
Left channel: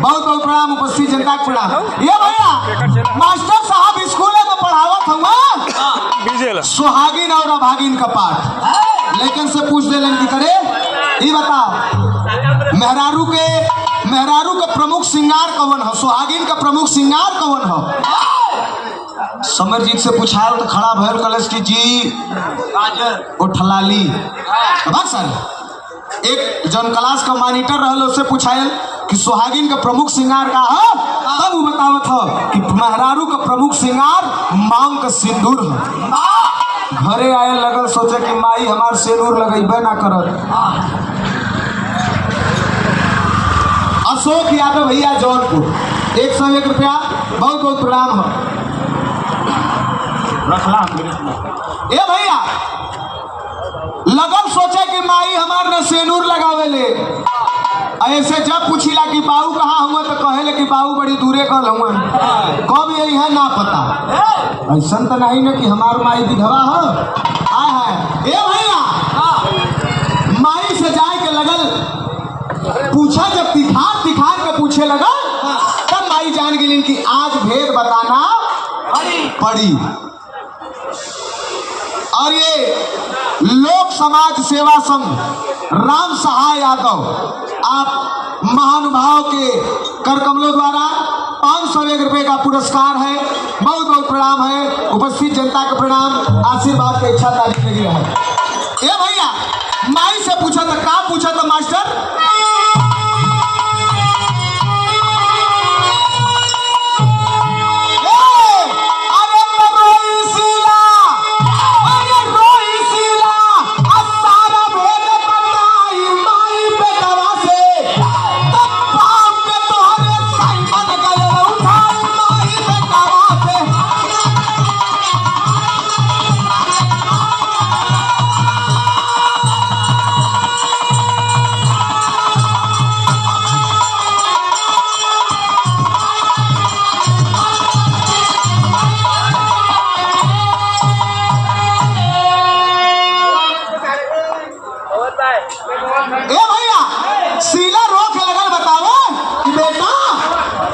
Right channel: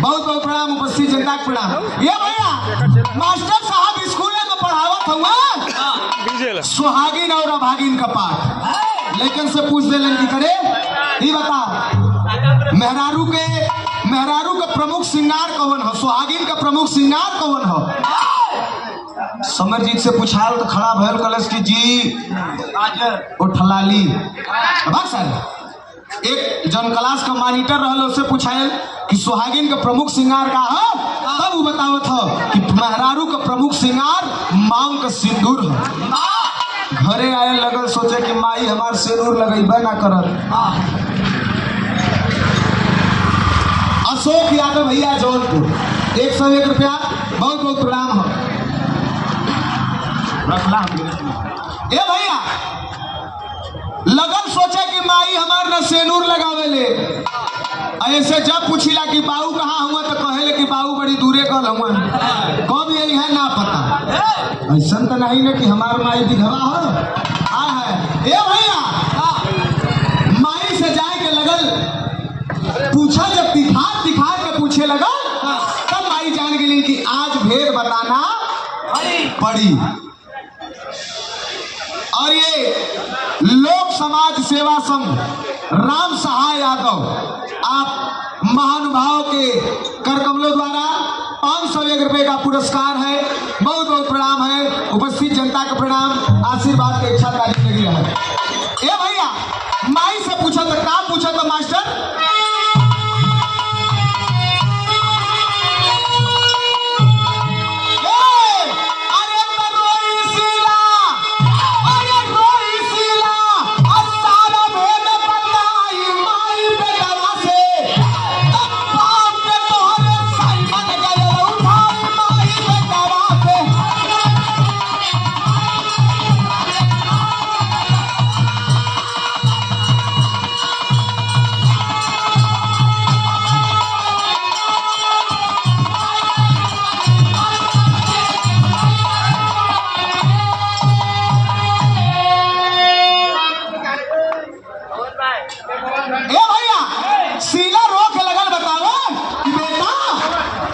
बहुत बहुत प्रणाम उपस्थित जनता के प्रणाम। ये भैया मास्टर साहब स्कूल में पढ़ावत हुआ सुहागिन और अभागिन का पाठ लेकिन से पूछ ले की करे ये बताओ मेहरारू का प्रमुख श्रृंगार कौन हो सुहागिन का प्रमुख श्रृंगार कौन हो। समरजीत से पूछा तो खड़ा भैर कलश की जी उठलाली सर एक जन क्लास का मॉनिटर रहल उससे पूछायल कि सुहागिन का प्रमुख श्रृंगार का है तब वो बतावत हो कि मेहरारू का प्रमुख श्रृंगार मांग का सिंदूर है। घरे आए लगल सोचे कि माई हमार सिंदूर लगेबे ना करत। अशोक यादव भैया जौनपुर 101 रुपया बहुत बहुत प्रणाम है। ए भैया लगल सोचे कि माई हमार न सेनूर लगावे ले ऐसे जब पूछिला कि बाबू कहाँ हुआ तो कहेले कि बाबू बड़ी दूरे कल हुआ कब यही है ना पता। ऐसा तो नहीं ना कि हमार माई विधवा है। ए भैया माई से जाए के लगल पूछा जब तिखार के पूछे लगा तब माई जान गेली कि आज भेद बताना पड़ी। और ये लोक समाज सेवा संघ राम सहाय यादव आप महानुभाव के करकमलों द्वारा 501 रुपए का पुरस्कार है बहुत बहुत प्रणाम है। उपस्थित जनता का प्रणाम आशीर्वाद की इच्छा तारीफ लगी है। ए भैया माई से पूछा था क्या पूछा था मास्टर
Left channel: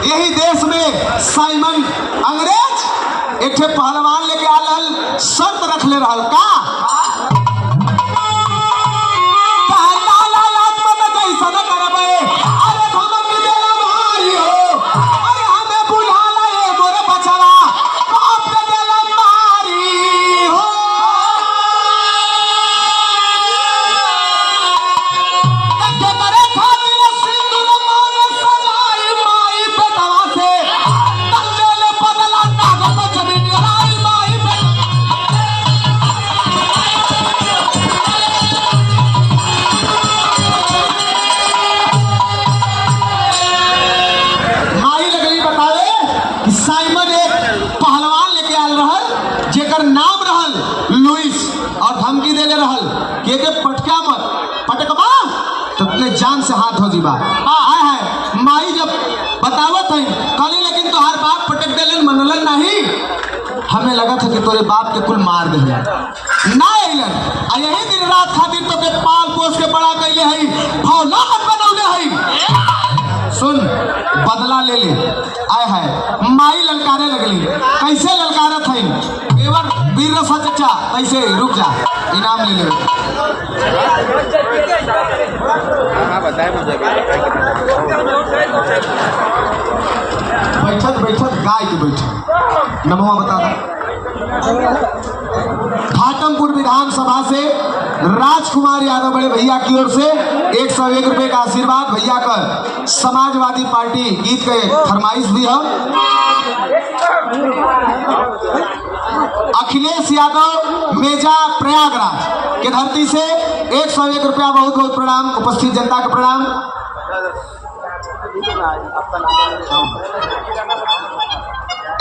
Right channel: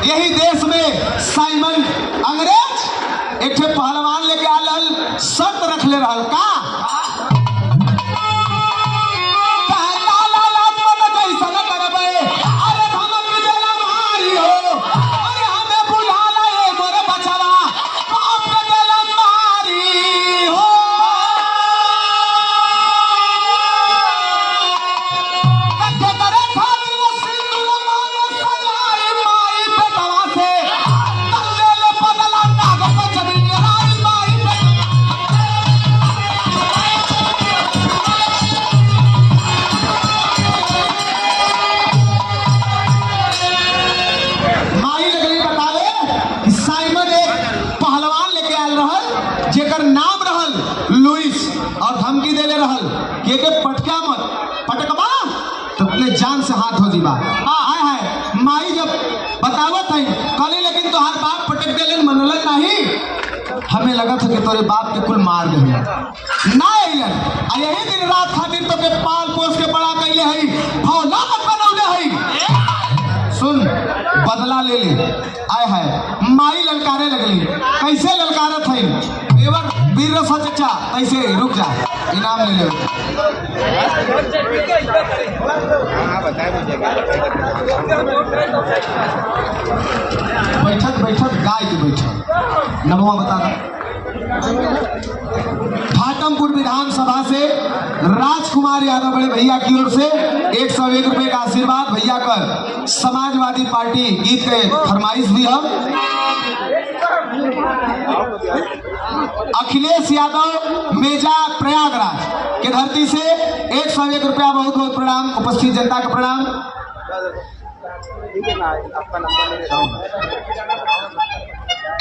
यही देश में साइमन अंग्रेज एक पहलवान लेके आल शर्त रख ले रहा का पटका मत पटकबा तो अपने जान से हाथ हो जीबा। है माई जब बतावत है कली लेकिन तोहार बाप पटक देलन मनलन नहीं हमें लगा था कि तोरे बाप के कुल मार दे ना अइलन यही दिन रात खातिर तो के पाल पोस के बड़ा कैले है फौलाद बनौले है। सुन बदला ले ले आय है माई ललकारे लगली कैसे ललकारत है पेवर वीर रसा चचा कैसे रुक जा इनाम ले ले बैठक बैठक गाय की बैठक नमवा बता दा खाटमपुर विधानसभा से राजकुमार यादव बड़े भैया की ओर से 101 रुपए का आशीर्वाद भैया का समाजवादी पार्टी गीत के फरमाइश भी है अखिलेश यादव मेजा प्रयागराज के धरती से 101 रुपया बहुत बहुत प्रणाम उपस्थित जनता का प्रणाम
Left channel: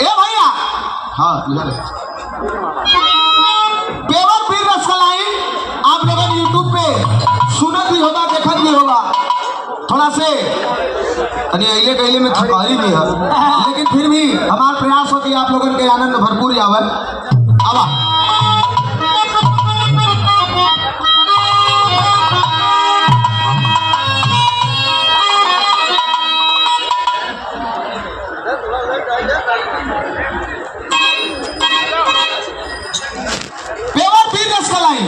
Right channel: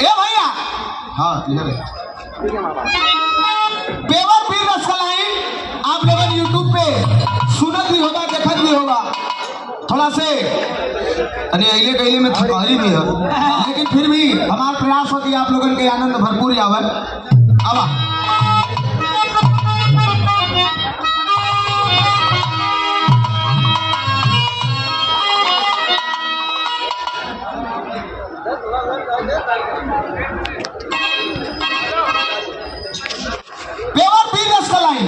ए भैया हाँ पेवर पीर रसकलाई आप लोगों ने यूट्यूब पे सुनत भी होगा देखत भी होगा थोड़ा से अले गैले में थकारी भी है लेकिन फिर भी हमारा प्रयास हो कि आप लोगों के आनंद भरपूर आवे आवा पेवर पीर रसकलाई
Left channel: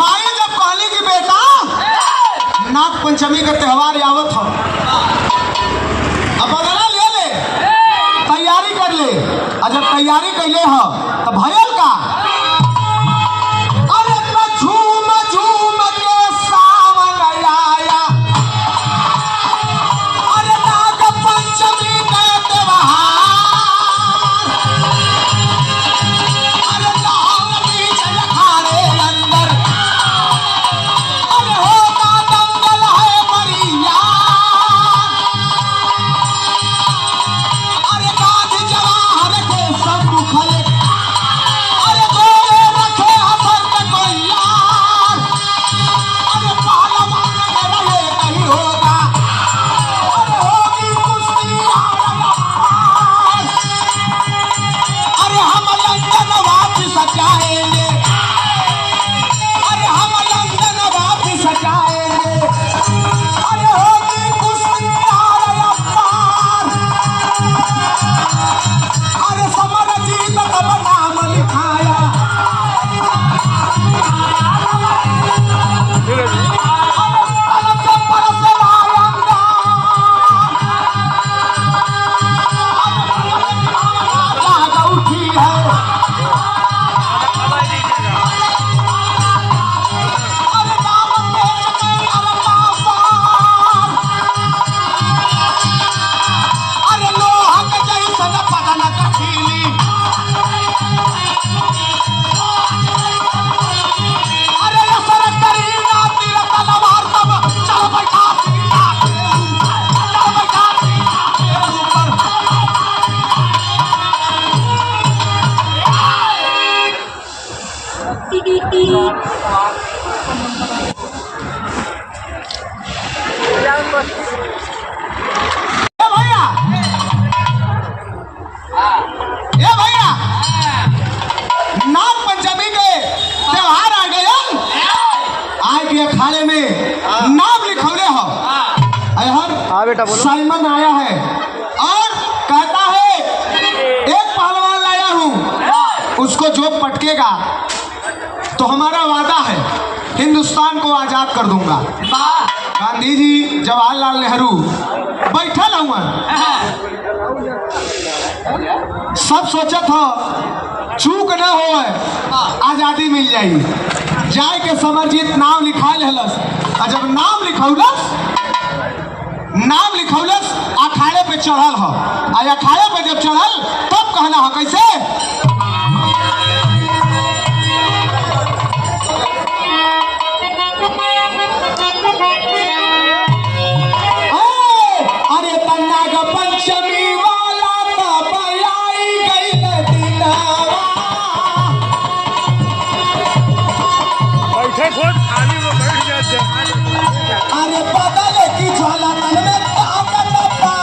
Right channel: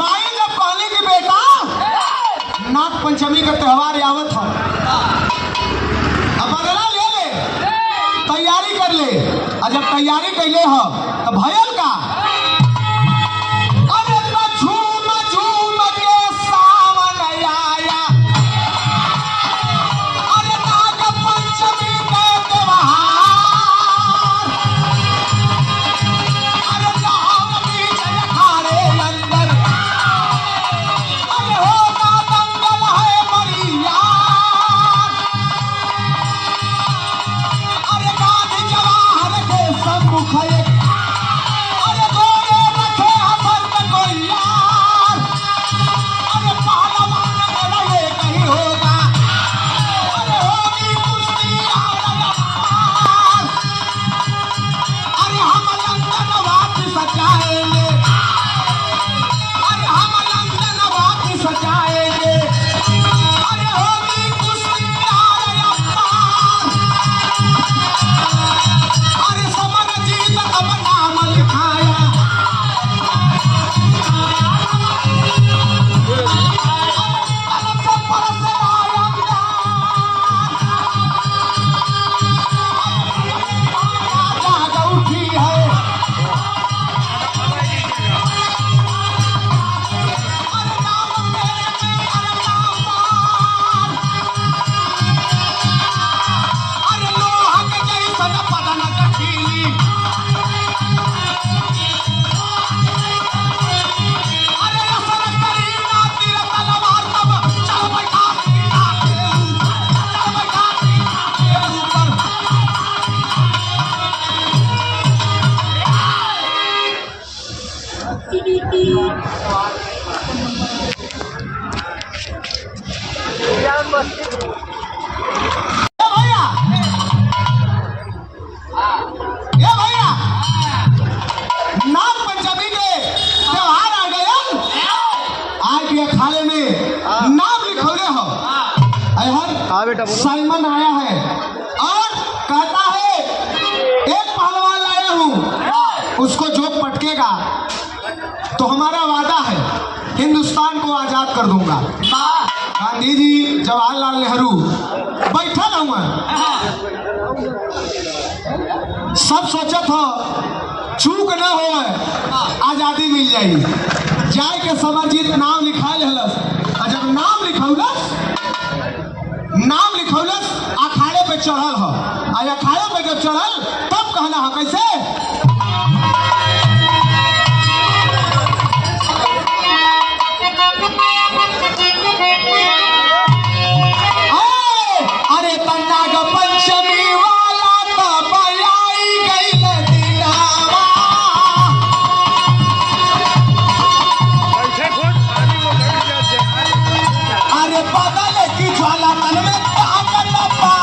माई जब कहली कि बेटा नाग पंचमी का त्योहार आवत हो अब बदला ले ले तैयारी कर ले और जब तैयारी कैले हो तो भयल का अरे इतना झूम झूम के सावन आया अरे नाग पंचमी का त्योहार अरे लाल बीच अखाड़े अंदर अरे होगा दंगल है बढ़िया अरे गाज जवाहर के सम्मुख अरे जोड़े रखे हसन कोइयार अरे पहलवान रहे कहीं होगा अरे होगी कुश्ती आर अरे हम लंदन वापस जाएंगे अरे हम लंदन वापस जाएंगे अरे होगी कुश्ती आर अरे समर जीत कब नाम लिखाया उठी है अरे नाम तेज में अरे लोहा के जैसन बदन कठीली अरे असर करी ना तीर तलवार तब चल बैठा सीना के ऊपर चल बैठा सीना के ऊपर ए भैया नाग पंचमी के त्योहार आ गए आज के अखाड़े में नाम लिखौले हो हाँ बेटा बोलो साइमन आया है और कहता है एक पहलवान लाया हूँ उसको जो पटकेगा तो हमारा वादा है हिंदुस्तान को आजाद कर दूंगा गांधी जी जवाहरलाल नेहरू बैठल हुआ सब सोचत हो चूक न हो आजादी मिल जाएगी जाए के समरजीत नाम लिखा लेलस और जब नाम लिखौलस अखाड़े पे चढ़ल हो आ अखाड़े पे जब चढ़ल तब कहला हो कैसे अरे नाग पंचमी वाला कब आई गइल दिनावा बैठे खोट खाली वो बैठ जाते अरे बदल की ज्वाला मन में तापन पा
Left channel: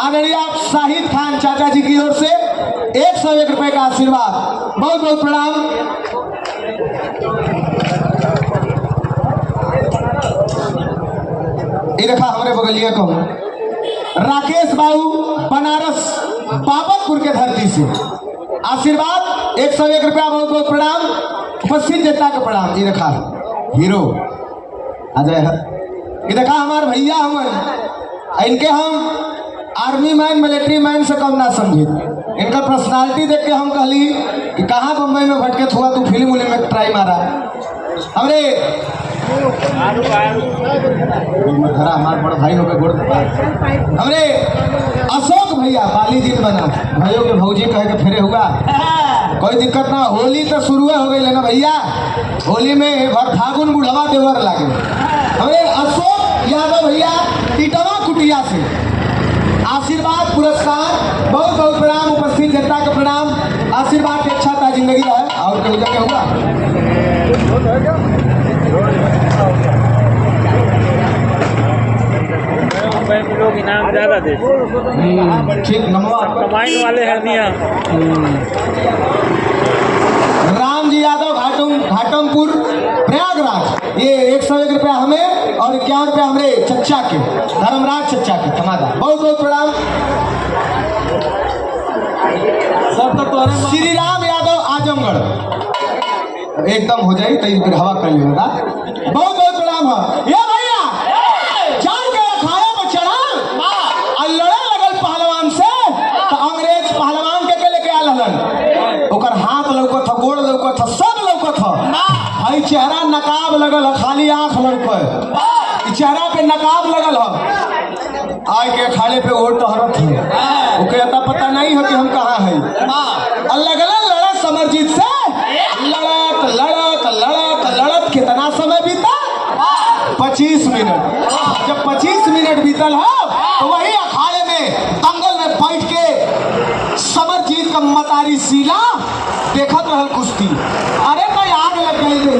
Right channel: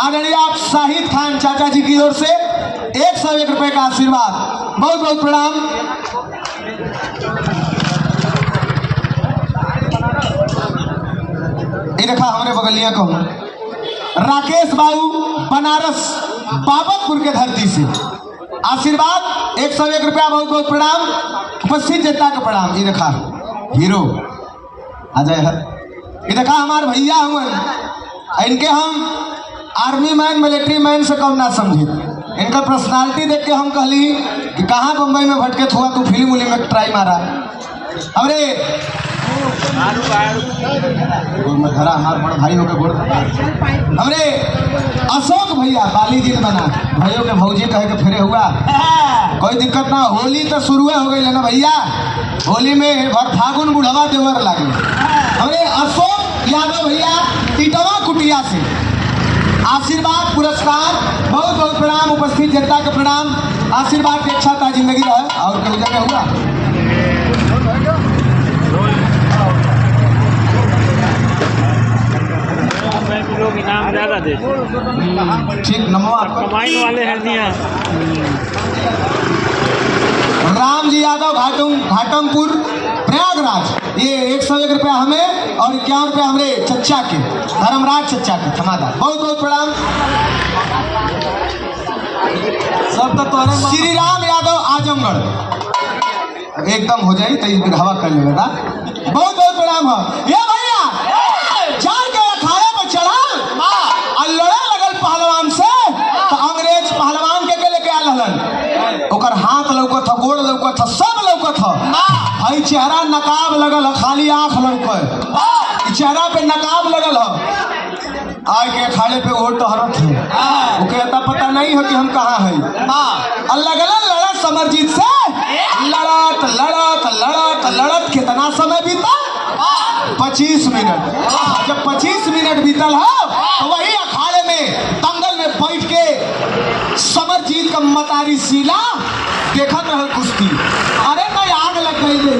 आदरणीय शाहिद खान चाचा जी की ओर से 101 रुपए का आशीर्वाद, बहुत बहुत प्रणाम। ये देखा हमारे बगलिया को राकेश बाबू बनारस बाबतपुर के धरती से आशीर्वाद 101 रुपया, बहुत बहुत प्रणाम। उपस्थित जनता को प्रणाम। ये देखा हीरो अजय है, ये देखा हमारे भैया हुए, इनके हम आर्मी मैन मिलिट्री मैन से कम ना समझे। इनका पर्सनालिटी देख के हम कहली कि कहाँ मुंबई में भटके हुआ तू फिल्म उलिम में ट्राई मारा। हमरे भाई हो गए हमरे अशोक भैया बाली जी बना भाइयों के भौजी कह के फेरे हुआ, कोई दिक्कत ना। होली तो शुरू हो गई ना भैया, होली में फागुन बुढ़वा देवर लगे। हमरे अशोक यादव भैया टिटवा कुटिया से आशीर्वाद पुरस्कार, बहुत बहुत प्रणाम। उपस्थित जनता के प्रणाम। आशीर्वाद की अच्छा का जिंदगी रहे और कोई जगह हुआ लोग इनाम ज्यादा देते। ठीक नमो आपको कमाइन वाले हैं नहीं यहाँ। राम जी यादव घाटमपुर प्रयागराज, ये 101 रुपया हमें और 51 रुपया हमारे चच्चा के धर्मराज चच्चा के धनादा, बहुत बहुत प्रणाम। श्री राम यादव आजमगढ़ एकदम हो जाए तो हवा कर लेगा, बहुत बहुत प्रणाम है। ये भैया चार के खाया पर चढ़ा और लड़ा लगल पहलवान से, तो अंग्रेज पहलवान के लेके आल हलन, ओकर हाथ लौकत गोड़ लौकत सब लौकत है। चेहरा नकाब लगल है, खाली आंख लौकत, चेहरा पे नकाब लगल है। आए के खाने पे ओट हरत है, ओके इतना पता नहीं है कि हम कहाँ है। लगल लड़त समरजीत से, लड़त लड़त लड़त लड़त कितना समय बीता, 25 मिनट। जब 25 मिनट बीतल है तो वही अखाड़े में दंगल में बैठ के समरजीत का मतारी सीला देखत रहल कुश्ती। अरे कोई आग लग गई है,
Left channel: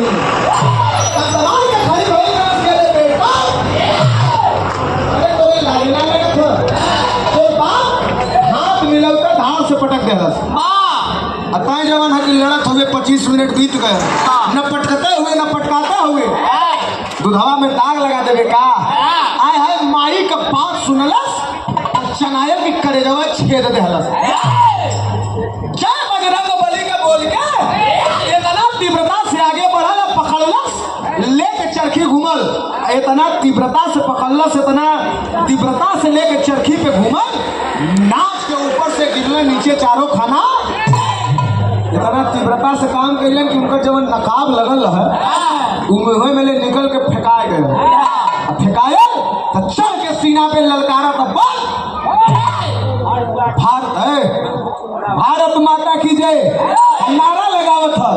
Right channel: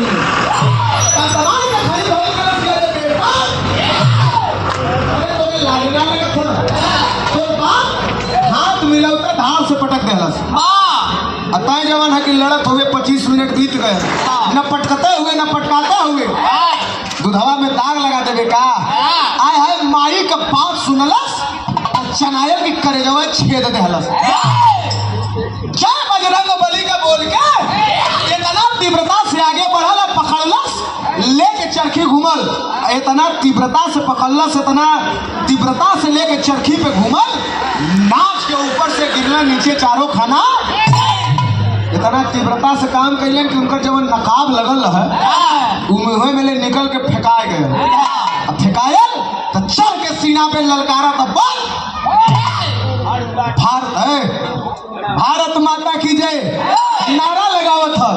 हाथ मिलौता धार से पटक देलस। अतः जवान है कि लड़त हुए 25 मिनट बीत गए, न पटकते हुए न पटकाते हुए दुधवा में दाग लगा देवे का। आय है माई का बात सुनलस, चनायल की करेजवा छेद देहलस। जय बजरंग बली का बोल के इतना तीव्रता से आगे बढ़ल, पकड़लस लेके चरखी घूमल, इतना तीव्रता से पकड़लस, इतना तीव्रता से लेके चरखी पे घूमल, नाच के ऊपर से गिरना नीचे चारों खाना। इतना तीव्रता से काम कैलन कि उनकर जब नकाब लगल है मुँह में निकल के फेंकाए गए। फेंकायल तो चढ़ के सीना पे ललकारा, तो भारत माता की जय नारा लगावत था,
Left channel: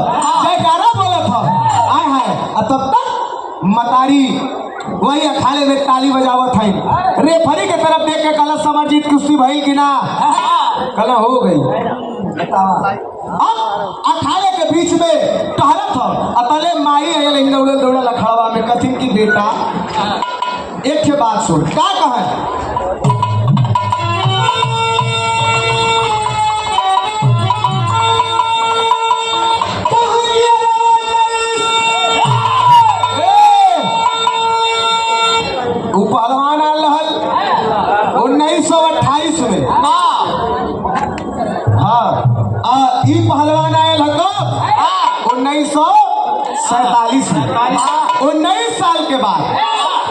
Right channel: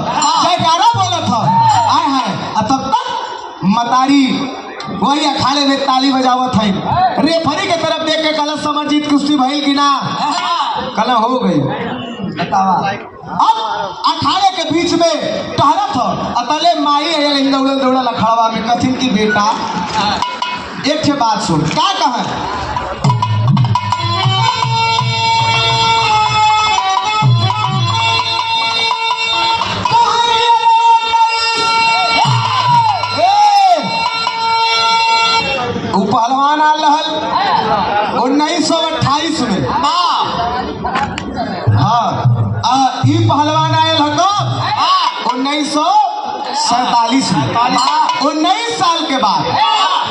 जयकारा बोलत था। आए है तब तक मतारी वही अखाड़े में ताली बजावत है। रेफरी के तरफ देख के कल समरजीत कुश्ती भइल कि ना, कल हो गई। अब अखाड़े के बीच में टहरत था, अतले माई है दौड़ल अखाड़ा में कथिन की बेटा एक बात सुन का कहे। पहलवान आल 1928 में, हाँ ई पहलवान आयल है 1947 में, 19 साल के बाद।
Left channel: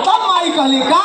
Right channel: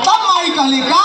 तब माई कहली का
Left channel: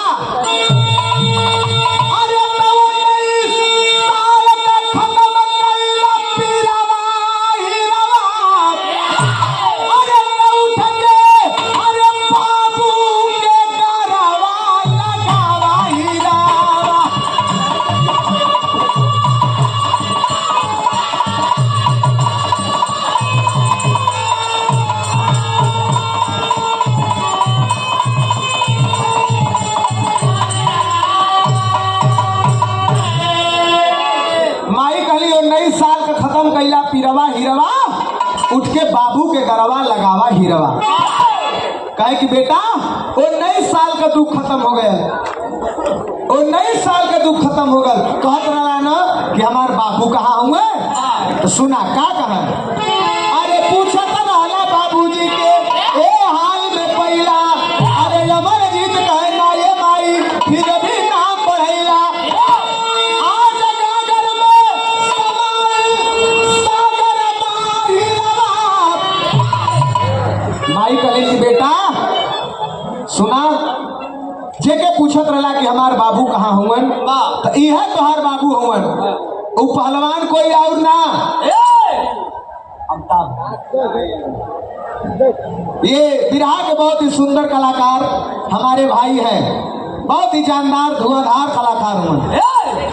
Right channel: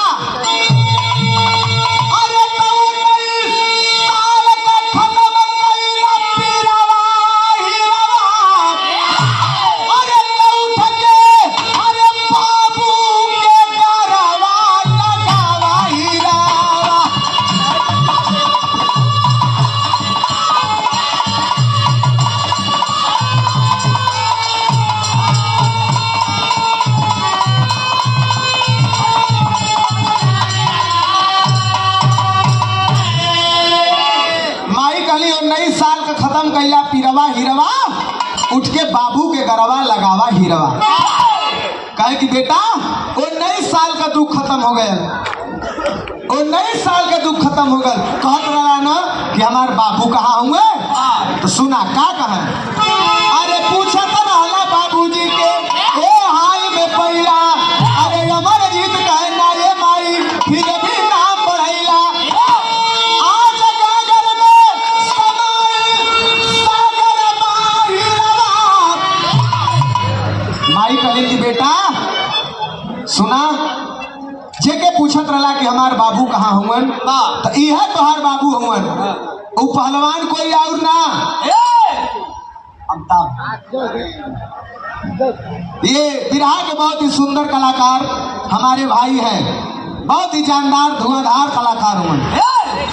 उठ के बाबू के गरवा लगावा हीरवा, कहे कि बेटा 19 साल का दुख खत्म हो गया। जी के ए हाय में पहिला अरे अमर जीत कहना ये माई फिर भी ना पढ़ैला आज गागर में समाई सागर बाहिरवा माई कहे कि बेटा सुना जेके पूछत रहा कि हमार बाबू कहाँ हुवन तो यह तोहार बाबू हुवन उ पहलवान कोई और ना ये बिरहा के बहुत ही सुंदर कलाकार हमारे भाई हैं, बहुत ही जानदार धुआंधार कलाकार हुए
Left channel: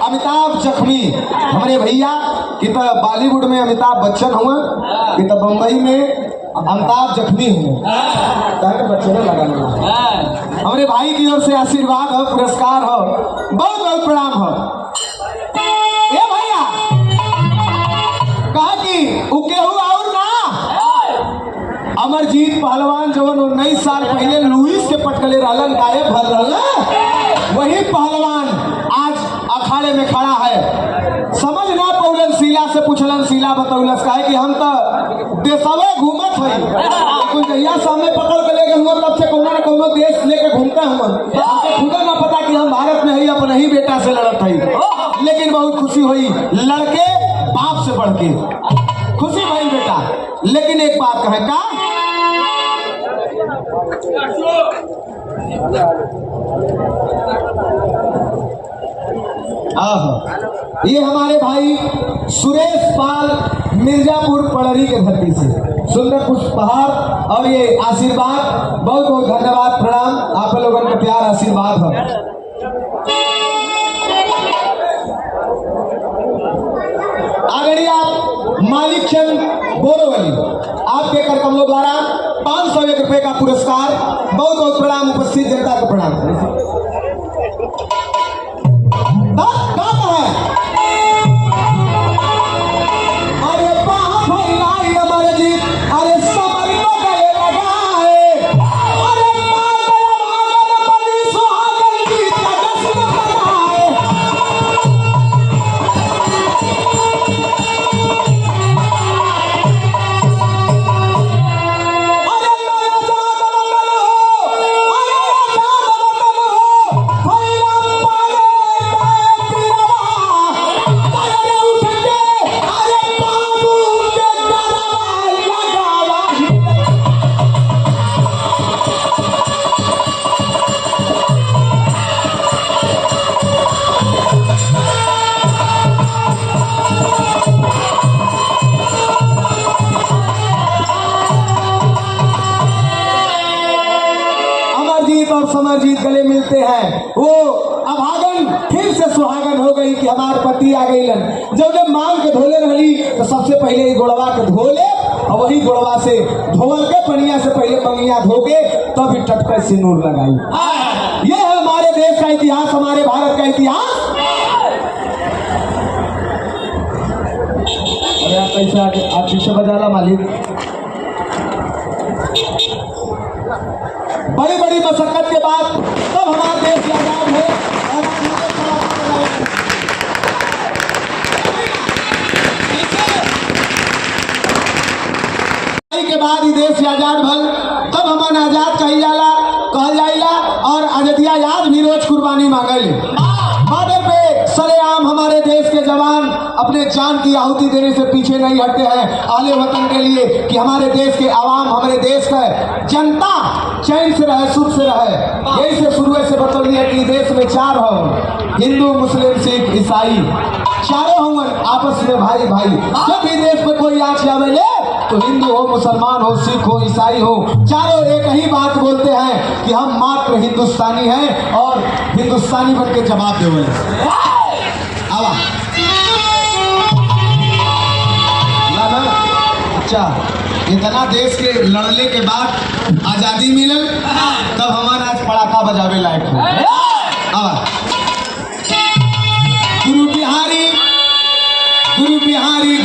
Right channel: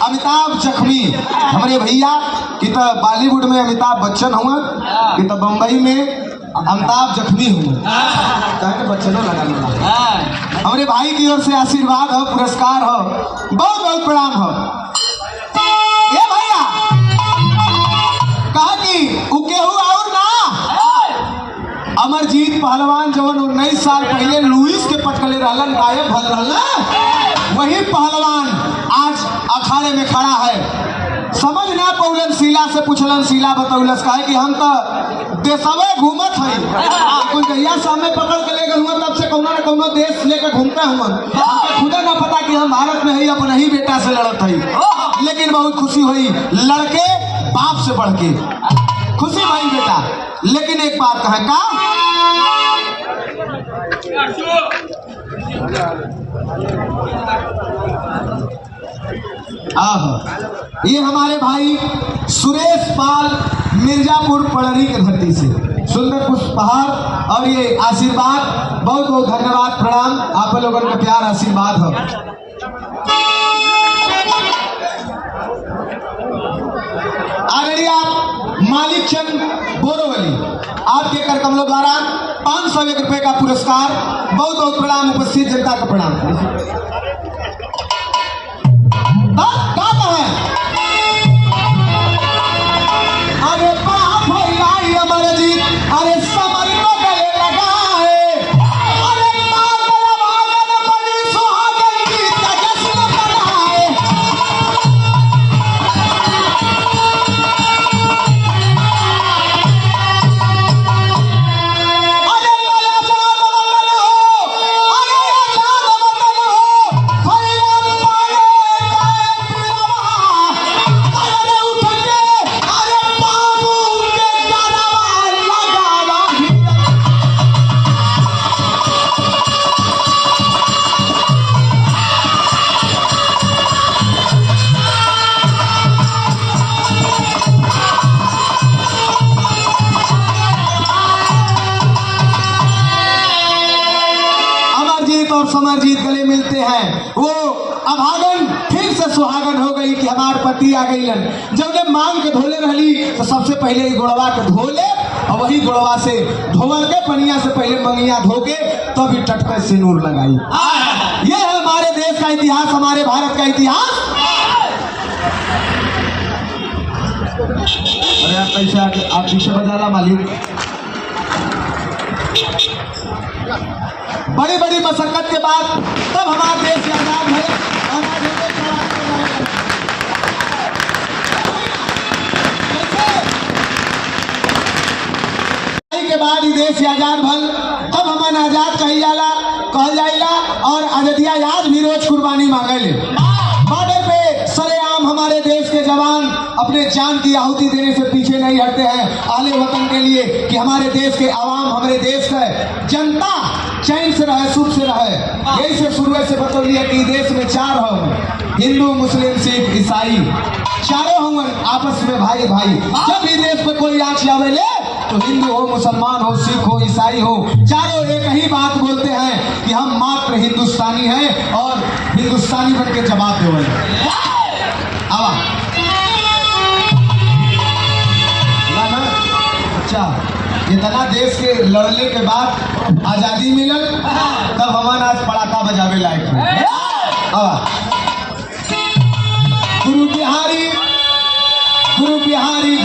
अमिताभ जख्मी हमारे भैया कि तो बॉलीवुड में अमिताभ बच्चन हुआ कि तो बम्बई में अमिताभ जख्मी हुआ ताकि बच्चनों लगा हमारे भाई की ओर से आशीर्वाद हो पुरस्कार हो बहुत बहुत प्रणाम हो ए भैया कहा कि उके हुआ और ना अमरजीत पहलवान जो 19 साल पहले लुइस के पटकले रहलन गायब भर रहला वही पहलवान आज अखाड़े में खड़ा है समझ ना पौलन शीला से पूछलन शीला बतौलस कहे कि हम तो देशवे घूमत है कुछ जहिया सामने पकड़ के ले गए तब से कौनो न कौनो देश लेकर घूमते हुए खुदा ना पता कि हम भारत में है अपने ही बेटा से लड़त है लेकिन बहुत खुशी हुई लड़के बाप से बढ़ के खुशी भाई बेटा लेकिन एक बात कहे का ये हमारे भाई सुरेश पाल मिर्जापुर पड़री के धरती से सुंदर पुष्पहार और ये आशीर्वाद बहुत बहुत धन्यवाद प्रणाम आप लोगों का प्यार आशीर्वाद हो आगे आप मालिक चंद बोरोवली आपके कर कमलों द्वारा 501 रुपए का पुरस्कार बहुत बहुत प्रणाम उपस्थित जनता को प्रणाम अरे बाप भैया अमरजीत अरे समर को गले लगाए अरे माता बड़ी सुहागन गीत का जश्न मनाए समरजीत गले मिलते हैं वो अभागन फिर से सुहागन हो गई कि हमार पति आ गई जब मांग के धोले रही तो सबसे पहले गुड़वा के धोले और वही गुड़वा से धोवर के पनिया से पहले मंगिया धोके तब टटका से नूर लगाई ये है हमारे देश का इतिहास हमारे भारत का इतिहास अरे पैसे आके आप पीछे बजाला मालिक बड़ी बड़ी मशक्कत के बाद तब हमारा देश आजाद है और के बाद ही देश आजाद भल तब हमारा आजाद कहल जाइला और आजादिया याद भी रोज कुर्बानी मांगे बॉर्डर पे सरेआम हमारे देश के जवान अपने जान की आहुति देने से पीछे नहीं हटते हैं आले वतन के लिए कि हमारे देश के आवाम हमारे देश का जनता चैन से रहे सुख से रहे यही से शुरू से बतौलिए कि देश में 4 हो हिंदू मुस्लिम सिख ईसाई चारों हुए आपस में भाई भाई जब भी देश में कोई आंच आवे तो हिंदू हो मुसलमान हो सिख हो ईसाई हो चारों एक ही बात बोलते हैं कि हम मात्र हिंदुस्तानी हैं और हिंदुस्तानी बन के जवाब देवे अच्छा इतना देश के लड़ने के बाद आजादी मिलल तब हमारा आज पड़ाका बजावे लायक हो गुरु बिहारी